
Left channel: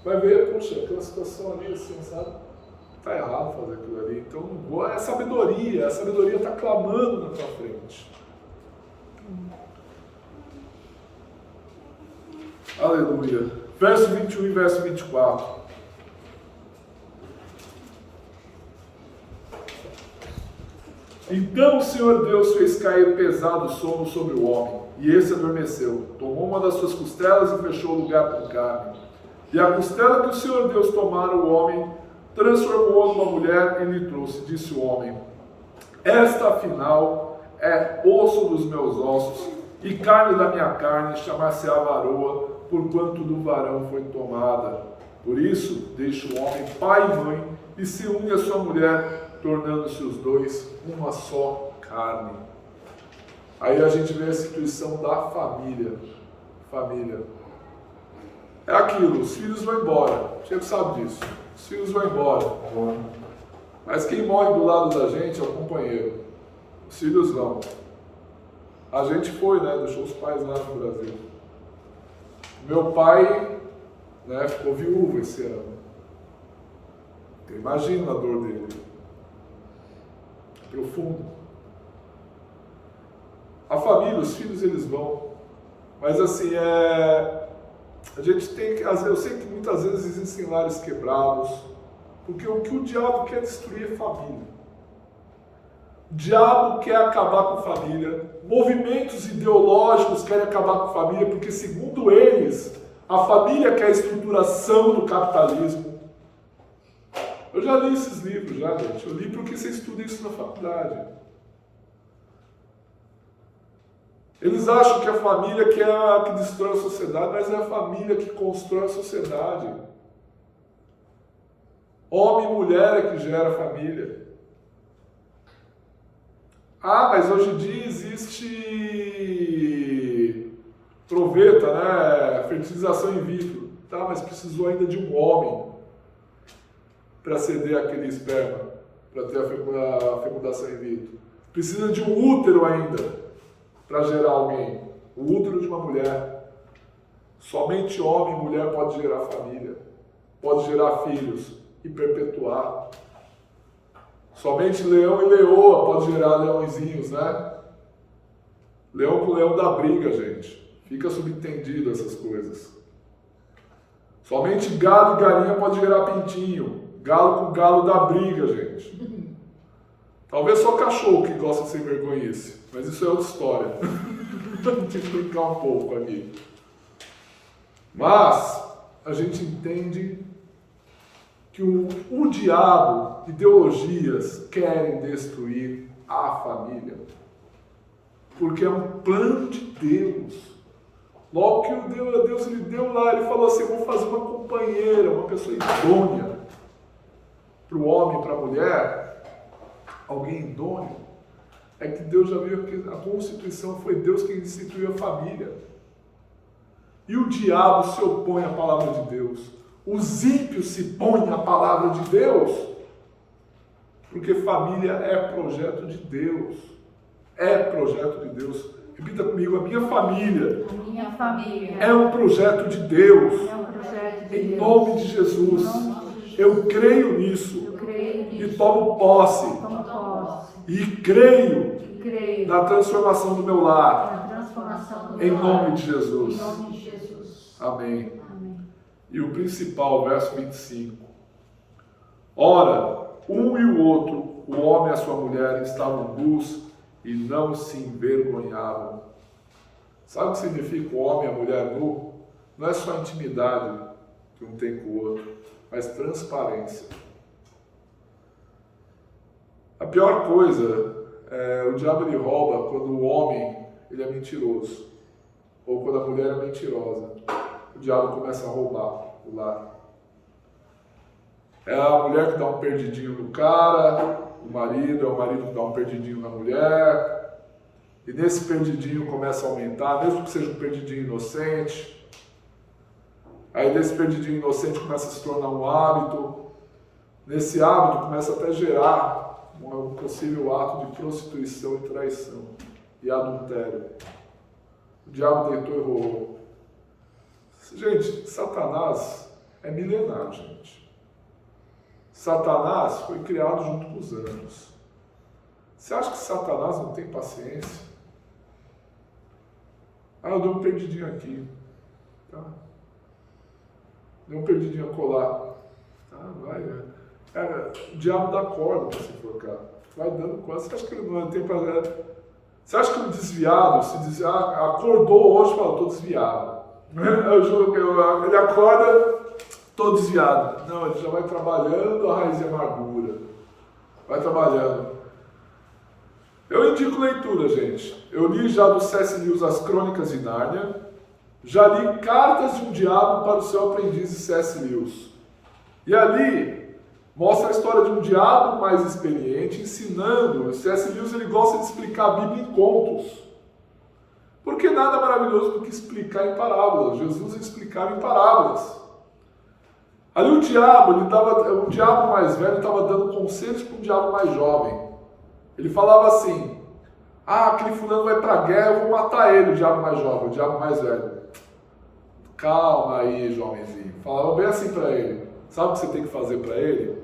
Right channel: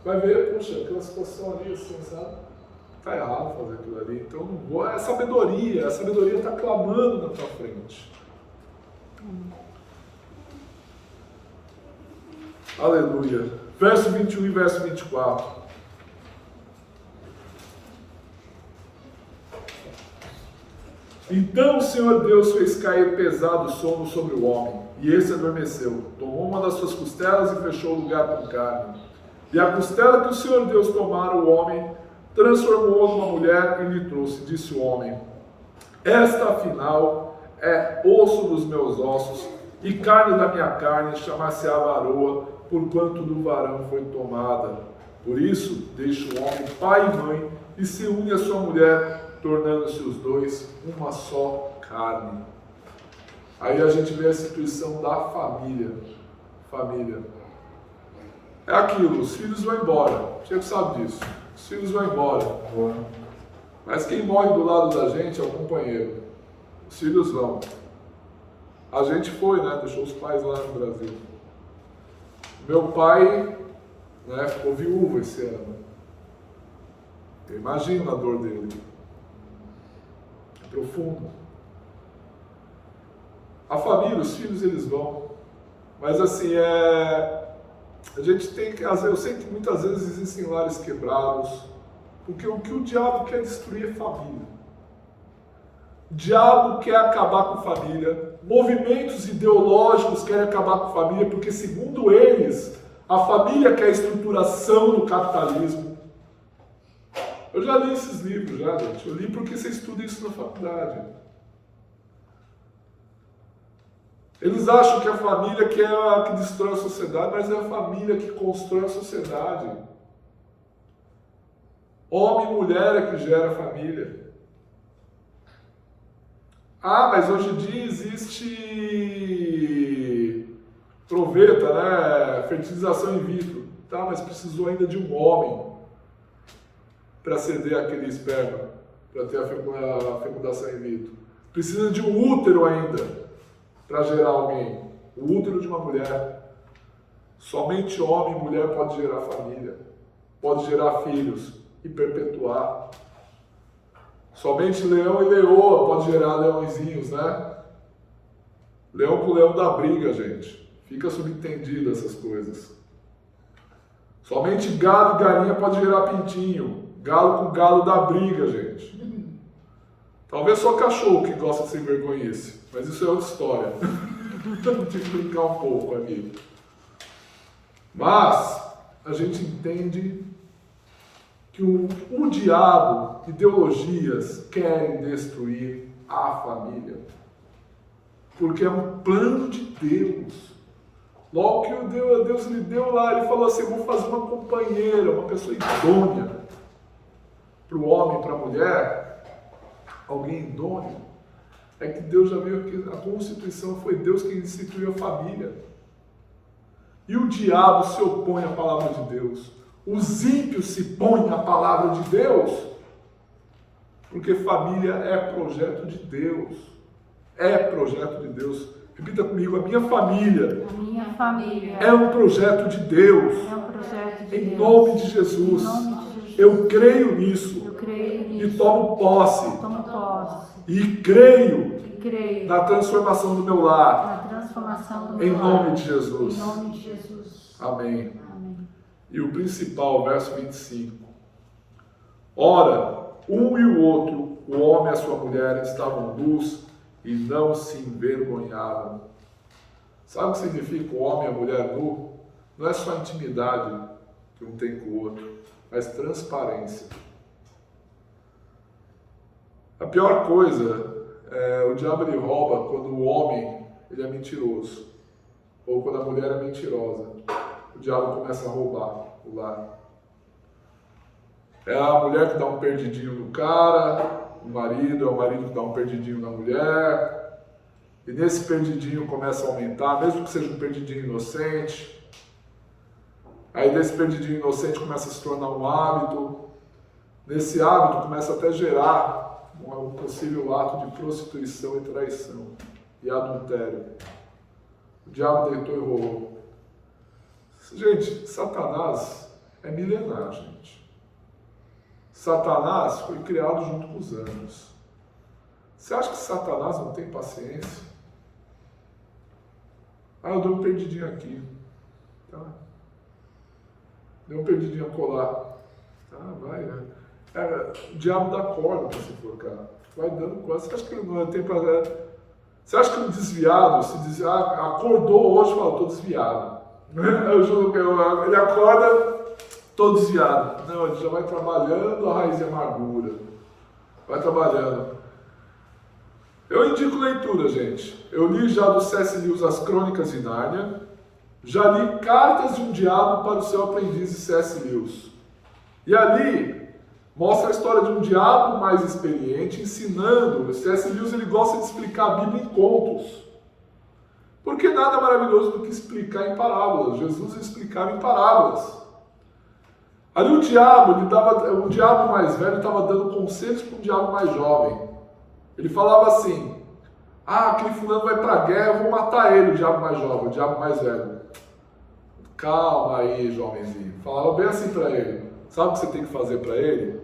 Vai ver, puxa, aquela situação ali assim, sabe? Está errado fazer aquilo ali. Então, a sabedoria está clamando na tua frente. Aleluia. Verso 21 e verso 24. Então o Senhor Deus fez cair pesado sono sobre o homem, e esse adormeceu. Tomou uma das suas costelas e fechou o lugar com carne. E a costela que o Senhor Deus tomara o homem, transformou-a numa mulher e lhe trouxe. Disse o homem: esta afinal é osso dos meus ossos e carne da minha carne, chamar-se-á varoa, porquanto do varão foi tomada. Por isso deixa o homem pai e mãe e se une à sua mulher, tornando-se os dois uma só carne. Aí a gente vê a instituição da família. Família. É aquilo, os filhos vão embora. O Chico sabe disso. Os filhos vão embora. Mas quem morre do lado da gente é o companheiro. Os filhos vão. A gente foi, né? Deixou os pais lá no Brasil. Meu pai, né, ficou viúvo esse ano. Eu imagino a dor dele. Profundo. A família, os filhos, eles vão. Mas assim, a gente tem que, eu sei que muitas vezes existem lares quebrados Porque o que o diabo quer destruir é família. O diabo quer acabar com família. Movimentos ideológicos querem acabar com família, porque, segundo eles, a família quer a estruturação do capitalismo. Eu já li esses livros, gente. Eu li porque você estuda isso na faculdade. Eles acham que a família que é a que destrói a sociedade, mas é a família que constrói a sociedade. Homem e mulher é que gera a família. Ah, mas hoje em dia existe proveta, né? Fertilização in vitro. Tá, mas precisou ainda de um homem para ceder aquele esperma, para ter a fecundação in vitro. Precisa de um útero ainda para gerar alguém. O útero de uma mulher. Somente homem e mulher pode gerar família, pode gerar filhos e perpetuar. Somente leão e leoa pode gerar leõezinhos, né? Leão com leão dá briga, gente. Fica subentendido essas coisas. Somente galo e galinha pode gerar pintinho. Galo com galo dá briga, gente. Talvez só cachorro que gosta de ser vergonhice, mas isso é outra história. Tem que brincar um pouco aqui. Mas a gente entende que o diabo, ideologias, querem destruir a família. Porque é um plano de Deus. Logo que Deus lhe deu lá, ele falou assim, eu vou fazer uma companheira, uma pessoa idônea para o homem e para a mulher, alguém idôneo. É que Deus já viu que a Constituição foi Deus quem instituiu a família. E o diabo se opõe à palavra de Deus. Os ímpios se põem à palavra de Deus. Porque família é projeto de Deus. É projeto de Deus. Repita comigo, a minha família. A minha família É um projeto de Deus. é um projeto de Em Deus. nome de Jesus. Em nome de Jesus. Eu creio nisso. Eu creio E nisso. tomo posse. Tomo posse. E creio E creio na transformação do meu lar. na transformação do Em meu nome lar. de Jesus. Em nome de Jesus. Amém. Amém. E o principal, verso 25. Ora, um e o outro, o homem e a sua mulher, estavam nus e não se envergonhavam. Sabe o que significa o homem e a mulher nu? Não é só intimidade que um tem com o outro, mas transparência. A pior coisa é o diabo ele rouba quando o homem ele é mentiroso ou quando a mulher é mentirosa. O diabo começa a roubar o lar. É a mulher que dá um perdidinho no cara, o marido que dá um perdidinho na mulher, e nesse perdidinho começa a aumentar, mesmo que seja um perdidinho inocente. Aí desse perdidinho inocente começa a se tornar um hábito. Nesse hábito começa até a gerar um possível ato de prostituição e traição e adultério. O diabo deitou e rolou. Gente, Satanás é milenar, gente. Satanás foi criado junto com os anjos. Você acha que Satanás não tem paciência? Ah, eu dei um perdidinho aqui. Tá? Dei um perdidinho a colar. Tá, vai. O diabo dá corda para se enforcar. Vai dando corda. Você acha que ele não tem prazer? Você acha que um desviado, se diz, acordou hoje e fala, estou desviado. Eu juro que ele acorda, estou desviado. Não, ele já vai trabalhando a raiz de amargura. Vai trabalhando. Eu indico leitura, gente. Eu li já do C.S. Lewis As Crônicas de Nárnia. Já li Cartas de um Diabo para o Seu Aprendiz de C.S. Lewis. E ali mostra a história de um diabo mais experiente ensinando. O C.S. Lewis ele gosta de explicar a Bíblia em contos. Porque nada maravilhoso do que explicar em parábolas. Jesus explicava em parábolas. Ali o diabo mais velho estava dando conselhos para um diabo mais jovem. Ele falava assim, aquele fulano vai para a guerra, eu vou matar ele, o diabo mais jovem, o diabo mais velho. Calma aí, jovenzinho. Falava bem assim para ele. Sabe o que você tem que fazer para ele?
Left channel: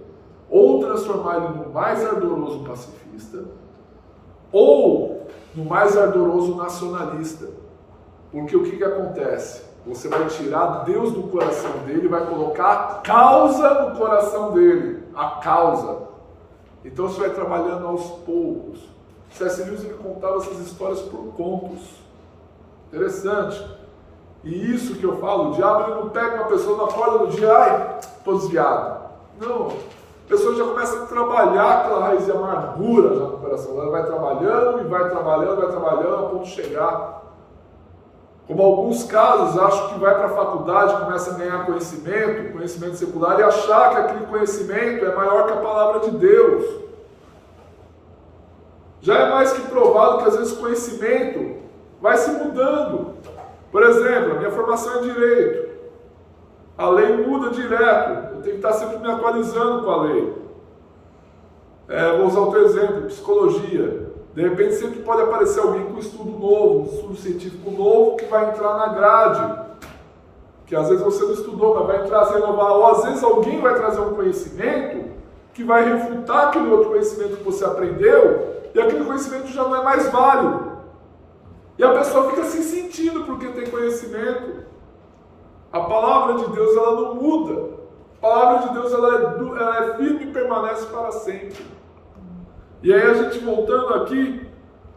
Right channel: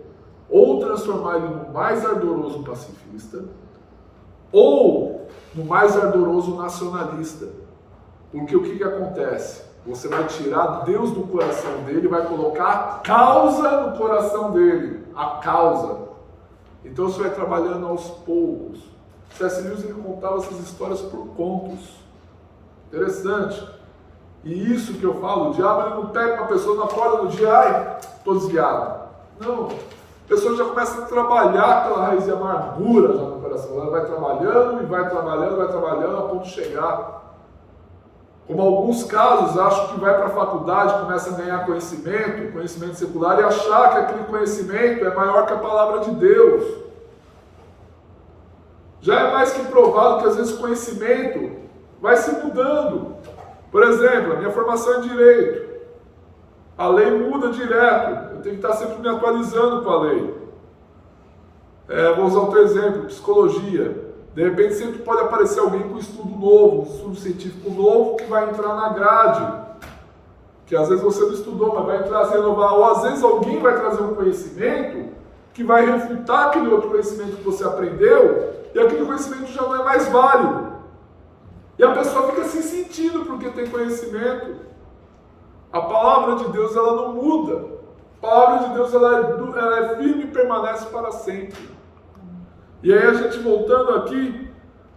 Ou transformar ele no mais ardoroso pacifista, ou no mais ardoroso nacionalista. Porque o que acontece? Você vai tirar Deus do coração dele e vai colocar a causa no coração dele. a causa. Então você vai trabalhando aos poucos. C.S. Lewis ele contava essas histórias por contos. Interessante. E isso que eu falo, o diabo ele não pega uma pessoa, não acorda no dia, ai, estou desviado. Não, a pessoa já começa a trabalhar aquela raiz de amargura já no coração. Ela vai trabalhando e vai trabalhando a ponto de chegar. Como alguns casos, acho que vai para a faculdade, começa a ganhar conhecimento secular, e achar que aquele conhecimento é maior que a palavra de Deus. Já é mais que provado que às vezes o conhecimento vai se mudando. Por exemplo, a minha formação é em Direito. A lei muda direto. Eu tenho que estar sempre me atualizando com a lei. Vou usar outro exemplo, Psicologia. De repente sempre pode aparecer alguém com estudo novo, um estudo científico novo que vai entrar na grade. Que às vezes você não estudou, mas vai entrar a se renovar. Ou às vezes alguém vai trazer um conhecimento que vai refutar aquele outro conhecimento que você aprendeu e aquele conhecimento já não é mais válido. E a pessoa fica se sentindo porque tem conhecimento. A palavra de Deus ela não muda. A palavra de Deus ela é firme e permanece para sempre. E aí a gente voltando aqui,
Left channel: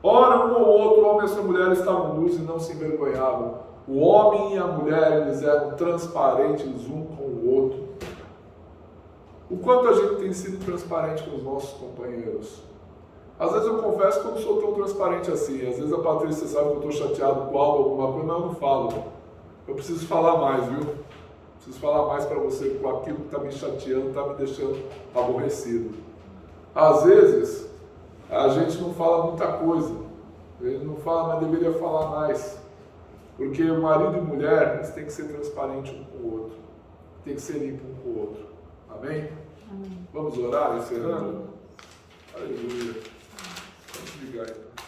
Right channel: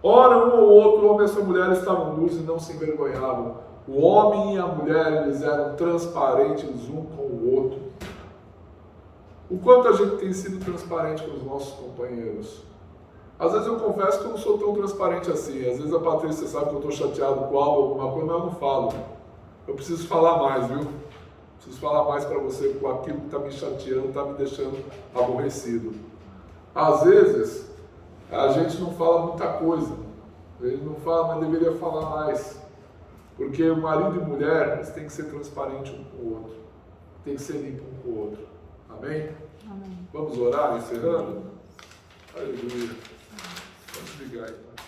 ora um ou outro, homem e sua mulher estavam nus e não se envergonhavam. O homem e a mulher eles eram transparentes um com o outro. O quanto a gente tem sido transparente com os nossos companheiros. Às vezes eu confesso que eu não sou tão transparente assim. Às vezes a Patrícia sabe que eu estou chateado com algo, alguma coisa, mas eu não falo. Eu preciso falar mais, viu? Preciso falar mais para você com aquilo que está me chateando, está me deixando aborrecido. Às vezes, a gente não fala muita coisa. Ele não fala, mas deveria falar mais. Porque o marido e mulher, eles têm que ser transparentes um com o outro. Tem que ser limpo um com o outro. Amém? Amém. Vamos orar, encerrando? Aleluia. Vamos ligar então.